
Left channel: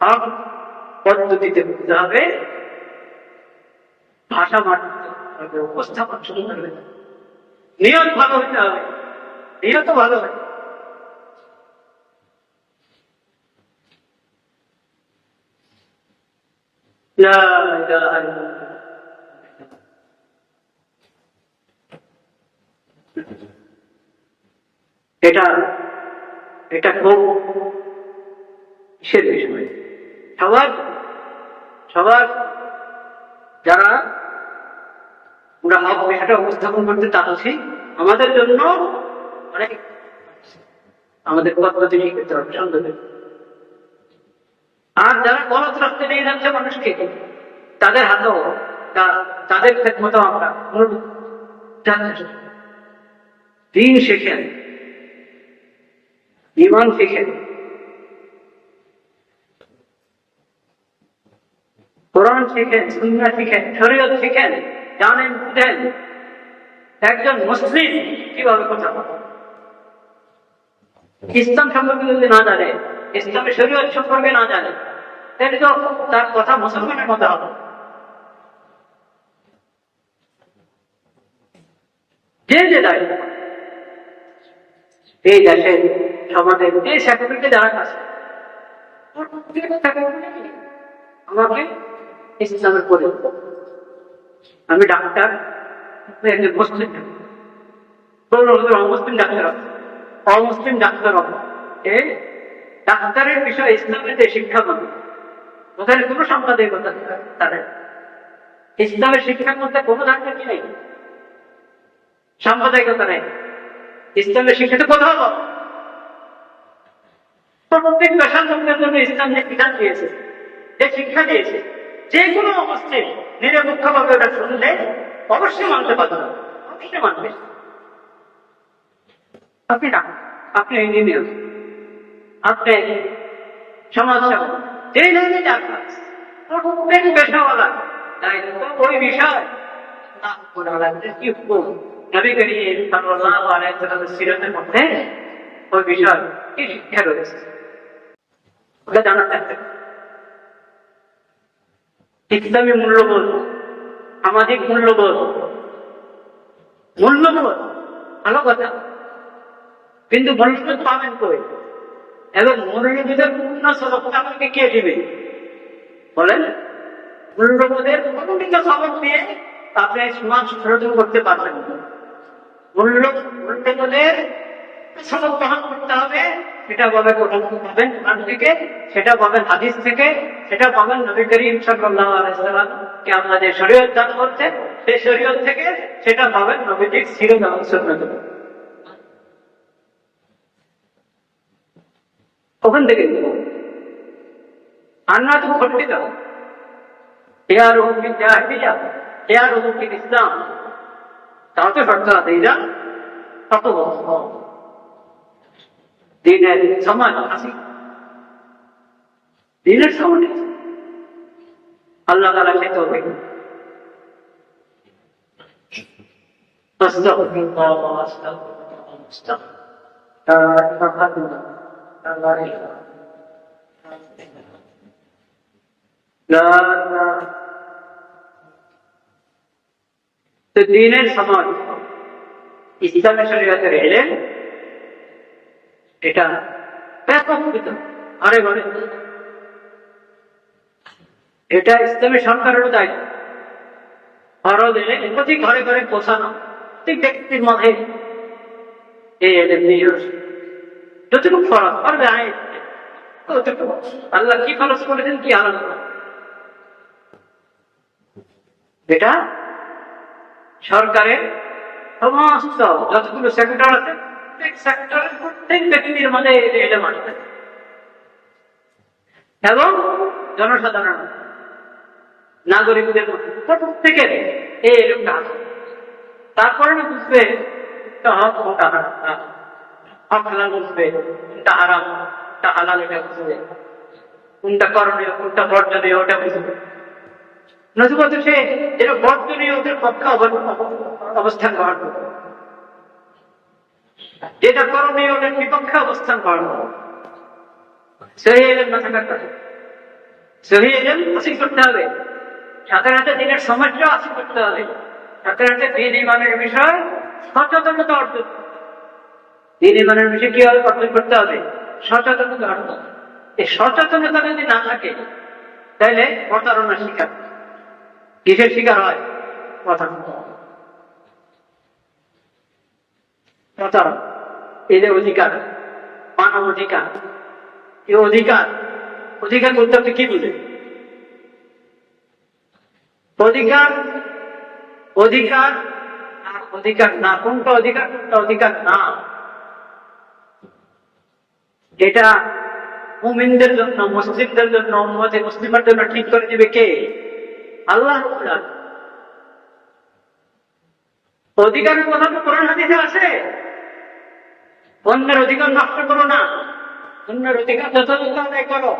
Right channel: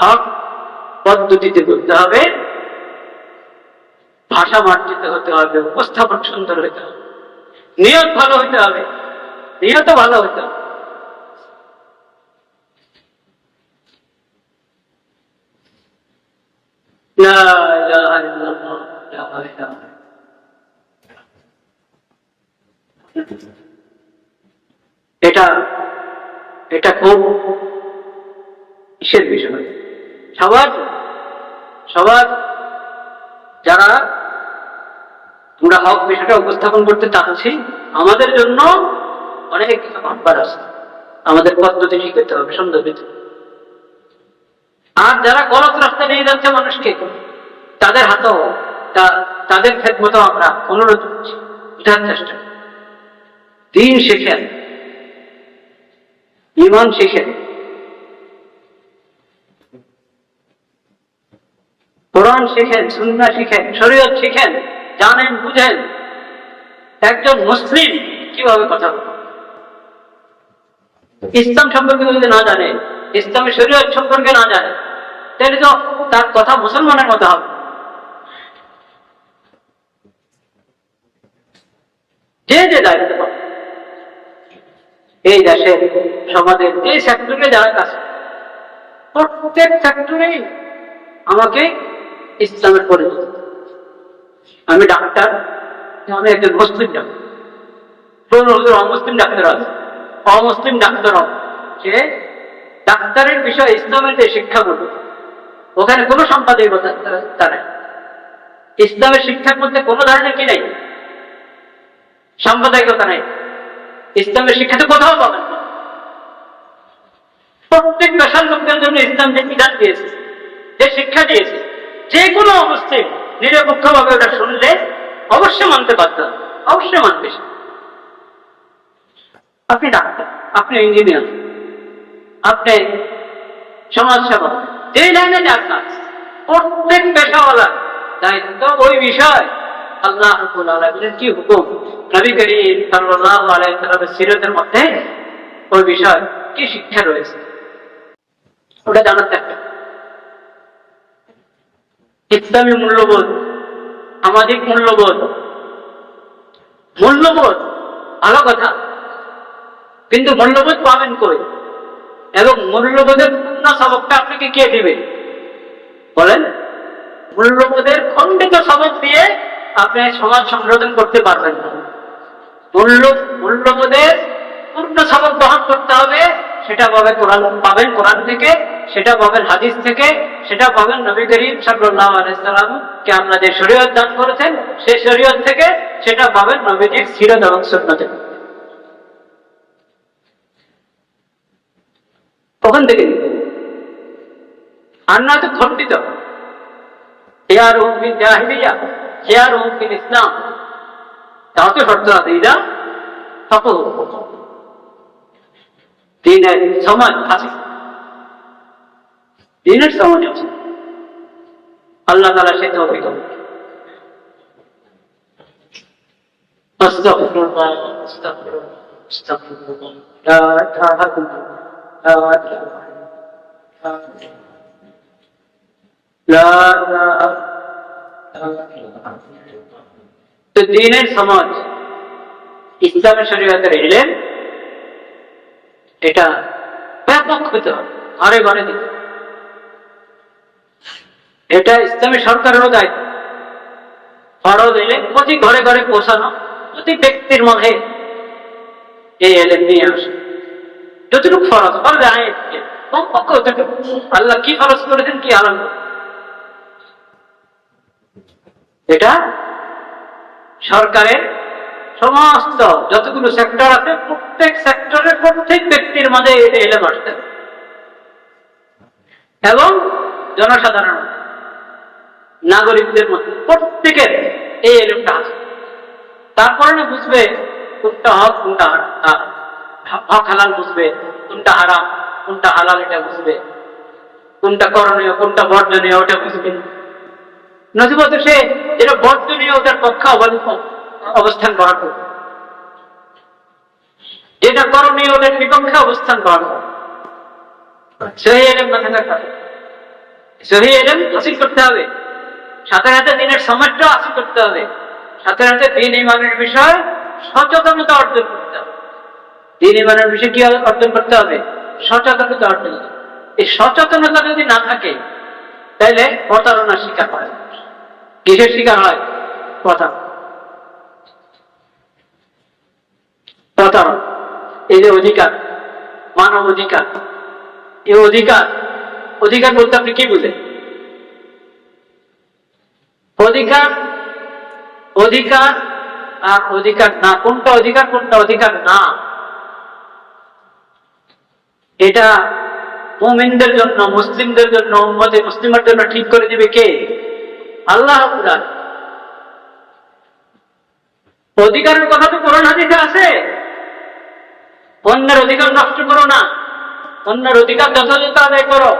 হক পদ্ধতিতে বুঝতে হবে, ভাষা মার্জিত হতে হবে, উপস্থাপন সুন্দর হইতে হবে, নিয়ত ভালো হইতে হবে, নিয়ত ভালো হইতে হবে। এটা এটা খুব কিসের বিষয়, সবার যারা আমরা হক বিষয়টা উপস্থাপন করতে চাচ্ছি, আমাদের জন্য অনেক ভাববার আছে, আমাদের পদ্ধতি ঠিক করতে হবে, সুন্দর হইতে। আর যারা গলত রাস্তা নিয়ে যাচ্ছে মানুষকে, তাদের হাতেও তাদের খেদমতো আমরা অনুরোধ করছি, বোঝার চেষ্টা, দ্বীন শেখেন, ঈমান শেখেন, কোরআন শিখেন, সুন্নাহ শিখেন, শরীয়ত শিখেন, জানেন বুঝেন। একজন মুসলিম কিভাবে কথা বলে, ইসলাম সম্পর্কে যদি না জানে, ইসলামের শরীয়ত সম্পর্কে না জানে, তাহলে তো তার কথা মুসলমানের মতো হবে। যে দায়িত্ব পাবে এই দেশের সমাজের এই সেক্টরে যারা কাজ, প্রত্যেক সেক্টরে আমাকে ইসলামের পরিচিত। আমি ডাক্তার, আমি একজন মুসলিম ডাক্তার, অমুসলিম ডাক্তার আছে, অমুসলিম ডাক্তার হবে, সে ডাক্তারের বিষয়ে ইসলামের যে শিক্ষাগুলো, ওখানে কোনো সম্পাদকতা তার ইসলামের শিক্ষার মধ্যে কোনো ধরনের কি নেই, সাম্প্রদায়িকতা নেই। ইসলামের শিক্ষাতে কোথাও পাবেন না। প্রত্যেক পেশার লোকদের জন্য ইসলাম যে বিধান দিয়েছে, যে শিক্ষা দিয়েছে, যে কোনো অবস্থায় নিরপেক্ষভাবে ওটা শুনলে অবশ্যই মানতে বাধ্য, অবশ্যই মানবে। আপনি ডাক্তার, আপনি ইঞ্জিনিয়ার, আপনি সমাজসেবক, যেই লাইনে যান না, প্রত্যেক পেশাওয়ালা দায়িত্ব ওই বিষয় আল্লাহ রাব্বুল আলামিনের কি হুকুম, নবী করিম সাল্লাল্লাহু আলাইহি ওয়াসাল্লামের সিরাতের মধ্যে ওই বিষয় কি শিক্ষা রয়েছে, ওটা জানার থাকবে। ইসলামী মূল্যবোধ, সামাজিক মূল্যবোধ, ভালো কথা, কিন্তু মূল্যবোধ পাবেন কই, এবং মূল্যবোধের পূর্ণ সবকটা আপনাকে কে দিবে বলেন? মূল্যবোধের খণ্ডিত সবক দিয়ে আপনি সমাজ সংশোধন করতে পারবেন না। মূল্যবোধের পূর্ণ সবক বহন করতে হবে, সেটা পাবেন কোরআন থেকে, সেটা পাবেন হাদিস থেকে, সেটা পাবেন নবী করিম সাল্লাল্লাহু আলাইহি ওয়াসাল্লাম কে আমরা যে শরীয়ত দান করেছেন সেই শরীয়ত থেকে, সেটা পাবেন নবীজির সিরাত এবং সুন্নাহ থেকে। ওখান থেকে আর না তো খণ্ডিত, খেয়ারুহুম ফিল জাহিলিয়া, খেয়ারুহুম ফিল ইসলাম, তাতে শর্ত আছে ইদা ফাকাহু দিনের সমাজ আছে, দিনের সমাজ আছে। আল্লাহ তাআলা সে তৌফিক করুন। আস্তাগফিরুল্লাহ আস্তাগফিরুল্লাহ আস্তাগফিরুল্লাহ লা ইলাহা ইল্লাল্লাহ লা ইলাহা তো দ্বীনের সমাজ, ইসলামের শরীয়তের ইলম, এটা ব্যাপক হতে হবে, ঘরে ঘরে দিতে। এটা ইসলামী সরকারেরও দায়িত্ব, ফরজ ইলম প্রতি ঘরে ঘরে পৌঁছানো, প্রতি ব্যক্তির মধ্যে এই ইলম নিয়ে আসে। যতটুকু ফরজ, ফরজ আইন কমপক্ষ থেকে আল্লাহ কি ফরজ করেছেন, কি হারাম করেছেন, এটা সরকারের সমস্ত যতগুলো সেক্টর আছে প্রত্যেক সেক্টরের প্রত্যেক ব্যক্তির মধ্যে এটা এলেম আসতে এবং জনসাধারণ নাগরিকদের মধ্যে প্রত্যেকের এই এলেমটা আছে। তারপরে না বুঝবে কোনটা হক কোনটা হক হালাল বুঝবে, কোনটা হারাম কোনটা হালাল এটা বুঝবে, কোনটা করণীয় কোনটা বর্জনীয় ওটা বুঝবে। নজিবত সে যেটা বর্জনীয় ওটার পক্ষে অবস্থান গ্রহণ করবে, যেটা করণীয় ওটার বিপক্ষে অবস্থান গ্রহণ করবে। সহিহ ইলম না থাকার কথা, সহিহ ইলম হাসিল করতে হবে, সাথে সাথে দিনের সমাজটা হাসিল করতে হবে, সাথে সাথে দ্বীন ঈমানের বিষয় সচেতনতা অর্জন করতে হবে। দ্বীন ঈমানের বিষয়ে কি অর্জন করতে হবে? সচেতনতা অর্জন। এই সচেতনতা যদি না থাকে তাহলে প্রতারণার শিকার হয়। কিসের শিকার হয়? প্রতারণা। এই যে অধিকার, মানব অধিকার, এই অধিকার, অধিকার বলতে আপনি কি বুঝেন? অধিকার, অধিকার আর অধিকার না, কোনটা অধিকার কোনটা অধিকার না, এটা মুমিনদের জন্য, মুসলিমদের জন্য, উম্মতে মুসলিমের জন্য ঠিক করে দিবে কে? আল্লাহ। অধিকারের কথা তো কোরআন হাদিসে আছে, অন্যের অধিকার নষ্ট করো না, অন্যের অধিকার যথাযথ আদায় করো,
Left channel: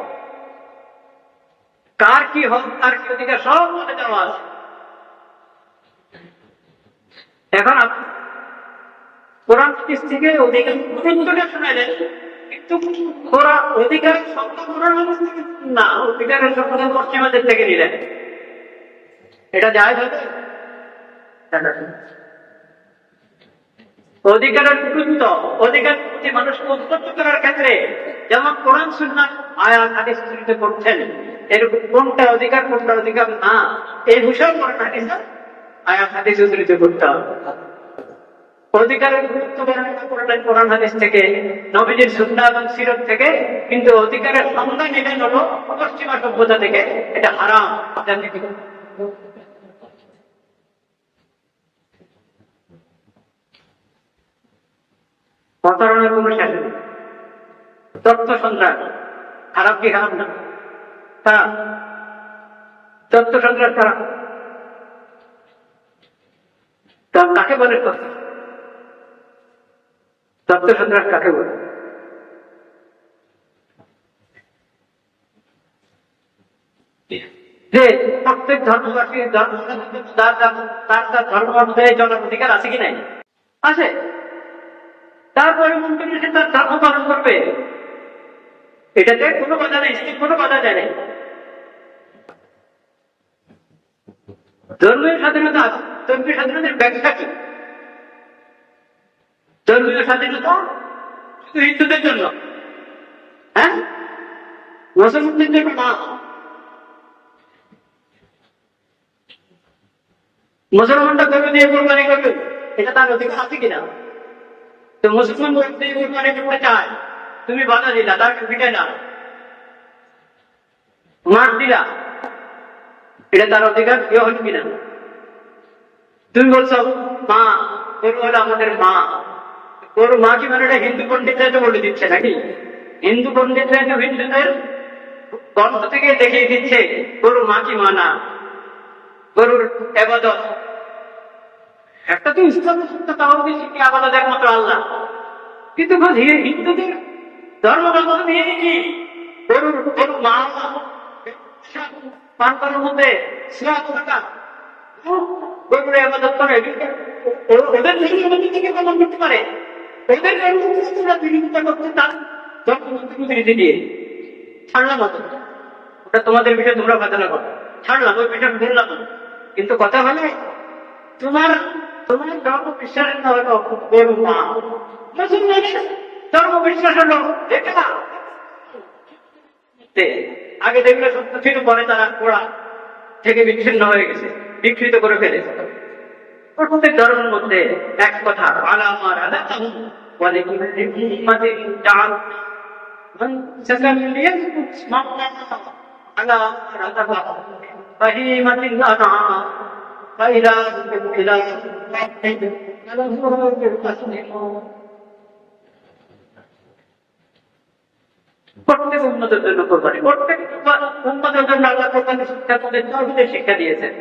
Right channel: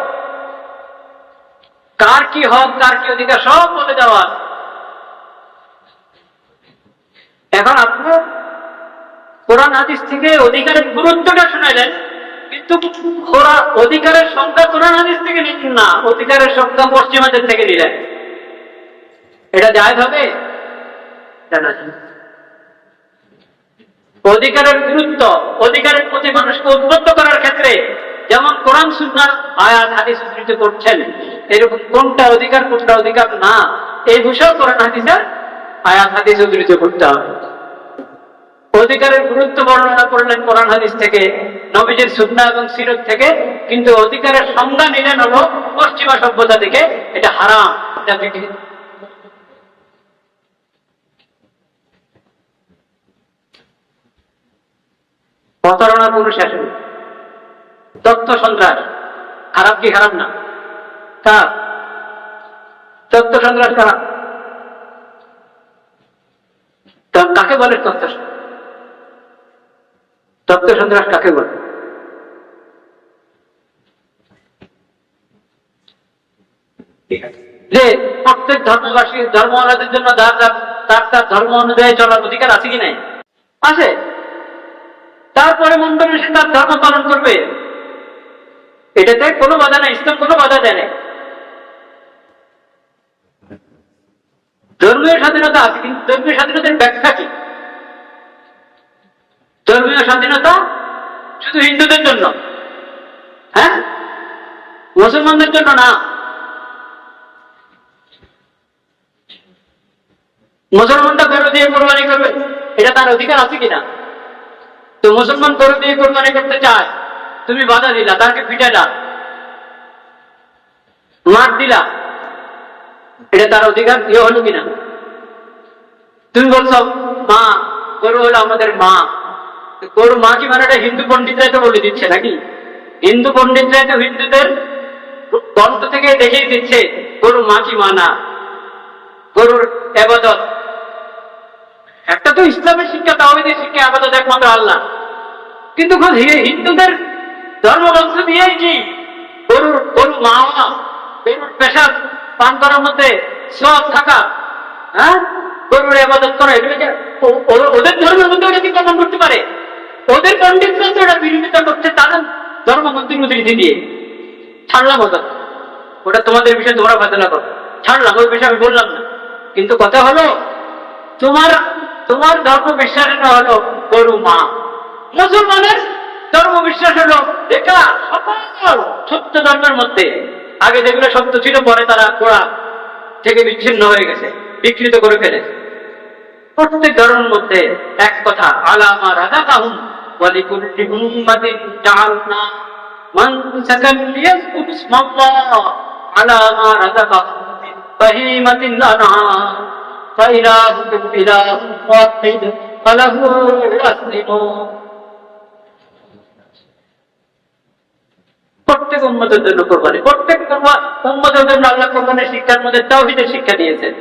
কার কি হক কার কি অধিকার সব বলে দেওয়া আছে। এখন আপনার কোরআন হাদিস থেকে অধিকারের গুরুত্বটা শুনাইলেন, কিন্তু অধিকারের সংখ্যা কোরআন হাদিস থেকে নিলেন না, অধিকারের সংখ্যা পশ্চিমাদের থেকে নিলেন। এটা জায়েজ হবে? অধিকারের গুরুত্ব, অধিকারের প্রতি মানুষকে উদ্বুদ্ধ করার ক্ষেত্রে যেমন কোরআন সুন্নাহ আয়াত হাদিস উদ্ধৃত করছেন, এরকম কোনটা অধিকার কোনটা অধিকার না এই বিষয়ে কোরআন হাদিসের আয়াত হাদিস উদ্ধৃত করতে হবে। অধিকারের গুরুত্ব বর্ণনা করলেন কোরআন হাদিস থেকে, নবীজির সুন্নাহ এবং সিরাত থেকে, কিন্তু অধিকারের সংজ্ঞা নিলেন হলো পশ্চিমা সভ্যতা থেকে। এটা হারাম, এটা প্রতারণার কোনো শেষ নেই। তথ্য সন্ত্রাস খারাপ কি খারাপ না? খারাপ। তথ্য সন্ত্রাস খারাপ। কাকে বলে তথ্য সন্ত্রাস? তথ্য সন্ত্রাস কাকে বলে? যে প্রত্যেক ধর্মবাসী ধর্মাবলম্বীদের জন্য তার ধর্ম অনুযায়ী চলার অধিকার আছে কি নাই? আছে। তারপরে মন করে সে তার ধর্ম পালন করবে, এটাতে কোনো বাধা নেই, ইসলাম কোনো বাধা দেয় নাই। ধর্মীয় স্বাধীনতা আছে, কিন্তু ধর্মীয় স্বাধীনতার ব্যাখ্যা কি? ধর্মীয় স্বাধীনতা শুধু হিন্দুদের জন্য, হ্যাঁ, মুসলমানদের জন্য না। মুসলমানটা গরু দিয়ে কোরবানি করবে, এটা তার অধিকার আছে কিনা? তো মুসলমান গরু দিয়ে কোরবানি করতে চায়, তুমি বাধা দিলা, তাকে পিটাইলা, মার দিলা, এটা তার অধিকার ইয়ে হলো কিনা? তুমি বলছো মা, গরু হলো আমাদের মা, গরু মা কি মানে হিন্দু পন্ডিতরা তো বলে দিচ্ছে নাকি? হিন্দু পন্ডিতরা তো হিন্দুদের গ্রন্থ থেকে দেখিয়ে দিচ্ছে গরু মা কি মা না, গরুর ইবাদত, একটা তো ইসলামের শিক্ষা, তাওহীদের শিক্ষা, আবাদত একমাত্র আল্লাহ। কিন্তু হিন্দুদের ধর্মগ্রন্থ দিয়েই কি গরু মাওয়া, গরুর পেশাব পান করার মধ্যে সওয়াব থাকা, হ্যাঁ, গরুর ইবাদত করে, এগুলোকে ওদের ধর্মের মধ্যে ওটা কি প্রমাণ করতে পারে? ওদের পণ্ডিত ওটা বিরোধিতা করছে তাদের ধর্মগ্রন্থের উদ্ধৃতি দিয়ে। ছাড়লাম ওটা তোমাদের বিষয়ে তোমরা ফায়দা করো, ছাড়লাম, ওই বিষয়ে আমি বললাম না। কিন্তু কথা হলো, তোমার ধর্ম বিশ্বাসের হলো গরু মা, মুসলমানের ধর্ম বিশ্বাস হলো একা সকল সত্য ধর্মের মধ্যে। আগে যেগুলো সত্য ছিল, পরে তারা গোড়া থেকে বিচ্ছিন্ন হয়ে গেছে, বিকৃত করে ফেলেছে। প্রত্যেক ধর্মের মধ্যে এক কথা, আলামা রাযাকাহুম ওয়া লিকুল্লি উম্মাতিন জাআলনা মানসাকান লিয়াযকুরু ইসমাল্লাহ আলা মা রাযাকাহুম মিন বাহীমাতিল আনআম ফাইলাহুকুম ইলাহুন ওয়াহিদ ফালাহু আসলিমু। প্রত্যেক উম্মতের জন্য কোরবানি, প্রত্যেক উম্মতের জন্য আল্লাহ কোরবানির শিক্ষার মধ্যে তাওহীদের শিক্ষা দিয়েছেন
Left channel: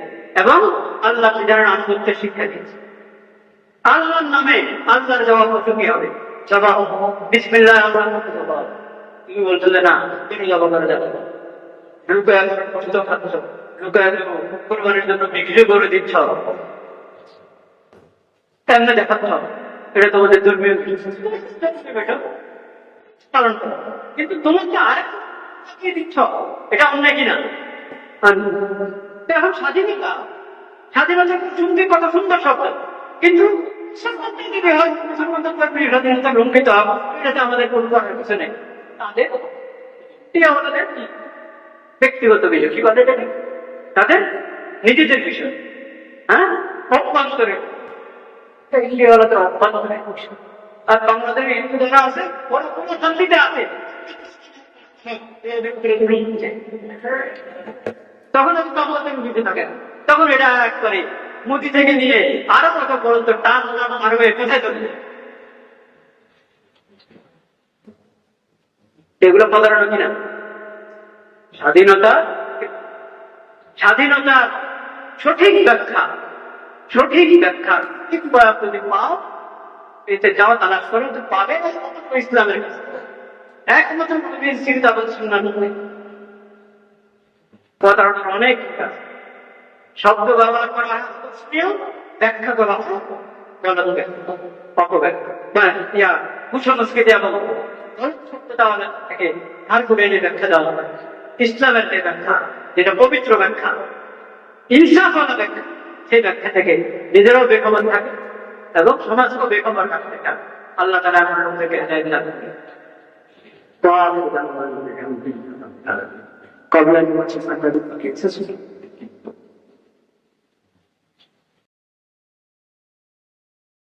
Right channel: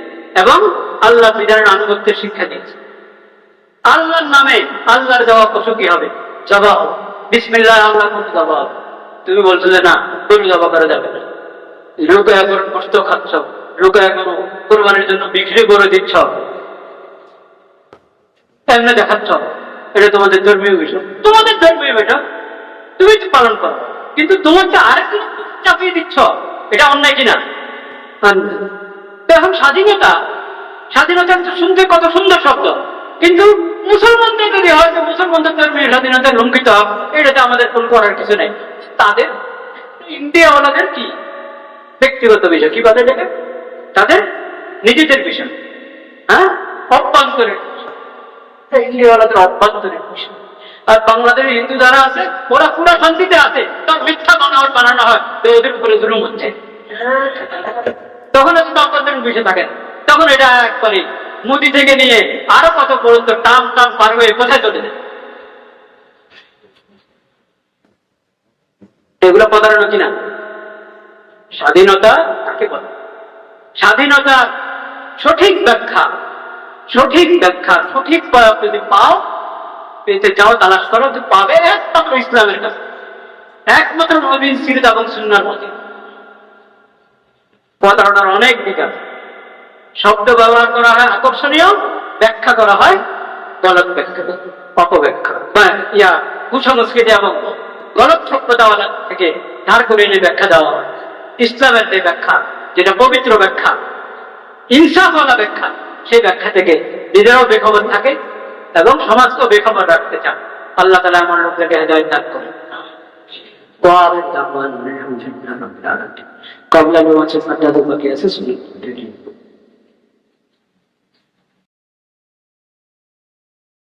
এবং আল্লাহ বিধানের আনুগত্যের শিক্ষা দিয়েছেন। আল্লাহর নামে আল্লাহর দেওয়া পশু কি হবে? জবাব, বিসমিল্লাহ আল্লাহর মতো জবাব। তুমি বলছো যে না, গরু জবাব করা যাবে না, লোকে এখন কষ্ট খাচ্ছ, লোকে এখন কোরবানির জন্য বিক্রি করে দিচ্ছ, এমনি দেখাচ্ছ, এটা তোমাদের ধর্মীয় বিষয়, তোমাদের ধর্মীয় বিষয়, তুমি তো পালন করো, কিন্তু তোমাকে আরেকজন চাপিয়ে দিচ্ছ, এটা অন্যায় কিনা? এখন স্বাধীনতা, স্বাধীনতা শুনতে কত সুন্দর শব্দ, কিন্তু মুসলমানদের যদি হয়তো মুসলমানদের ধর্মীয় স্বাধীনতা লঙ্ঘিত হবে, এটাতে আমাদের কোন করার কিছু নেই। তাদের ইন্ডিয়াওয়ালাদের কি ব্যক্তিগত বিষয়, কি বলে এটাকে, তাদের নিজেদের বিষয়, হ্যাঁ, অভ্যন্তরীণ ইন্ডিয়াওয়ালাদের অভ্যন্তরীণ বিষয়। আর বাংলাদেশের হিন্দু যারা আছে, ওরা পুরো শান্তিতে আছে, তার মিথ্যা বানানো হয় তো ওদের উপরে জুলুম হচ্ছে, তখন এত অভ্যন্তরীণ বিষয় থাকে না। তখন এটা একবারে মোদি থেকে নিয়ে আরো কত পর্যন্ত টাম পার হয়ে কোথায় চলে যায়। এগুলো প্রতারণা কিনা? স্বাধীনতা কাকে বলে? স্বাধীনতা সঠিক ব্যাখ্যা, সঠিক প্রয়োগ যদি পাও, পেতে যাও, তালাশ করো, তো পাবে একমাত্র ইসলামের কাছে, একমাত্র নবীর সিরাত এবং সুন্নাহর মধ্যে। প্রতারণার অনেক দিক আছে। শব্দ ব্যবহার করা হয় আকর্ষণীয়, ব্যাখ্যা করা হয় গলত ব্যাখ্যা, অপব্যাখ্যা, কুসংস্কৃতি এবং গলত সভ্যতাওয়ালা থেকে ধার করে এনে ব্যাখ্যা দেওয়া হয়। ইসলামের যে ব্যাখ্যা, যেটা পবিত্র ব্যাখ্যা, ইনসাফওয়ালা ব্যাখ্যা, সেই ব্যাখ্যা থেকে নিজেরাও বেখবর থাকে এবং সমাজকেও বেখবর রাখতে চান। আল্লাহ তাআলা আমার লোকদেরকে হেদায়েত দান করেন। কবলা নামাজের সাজ্জাদা বাকি আছে, শুনুন।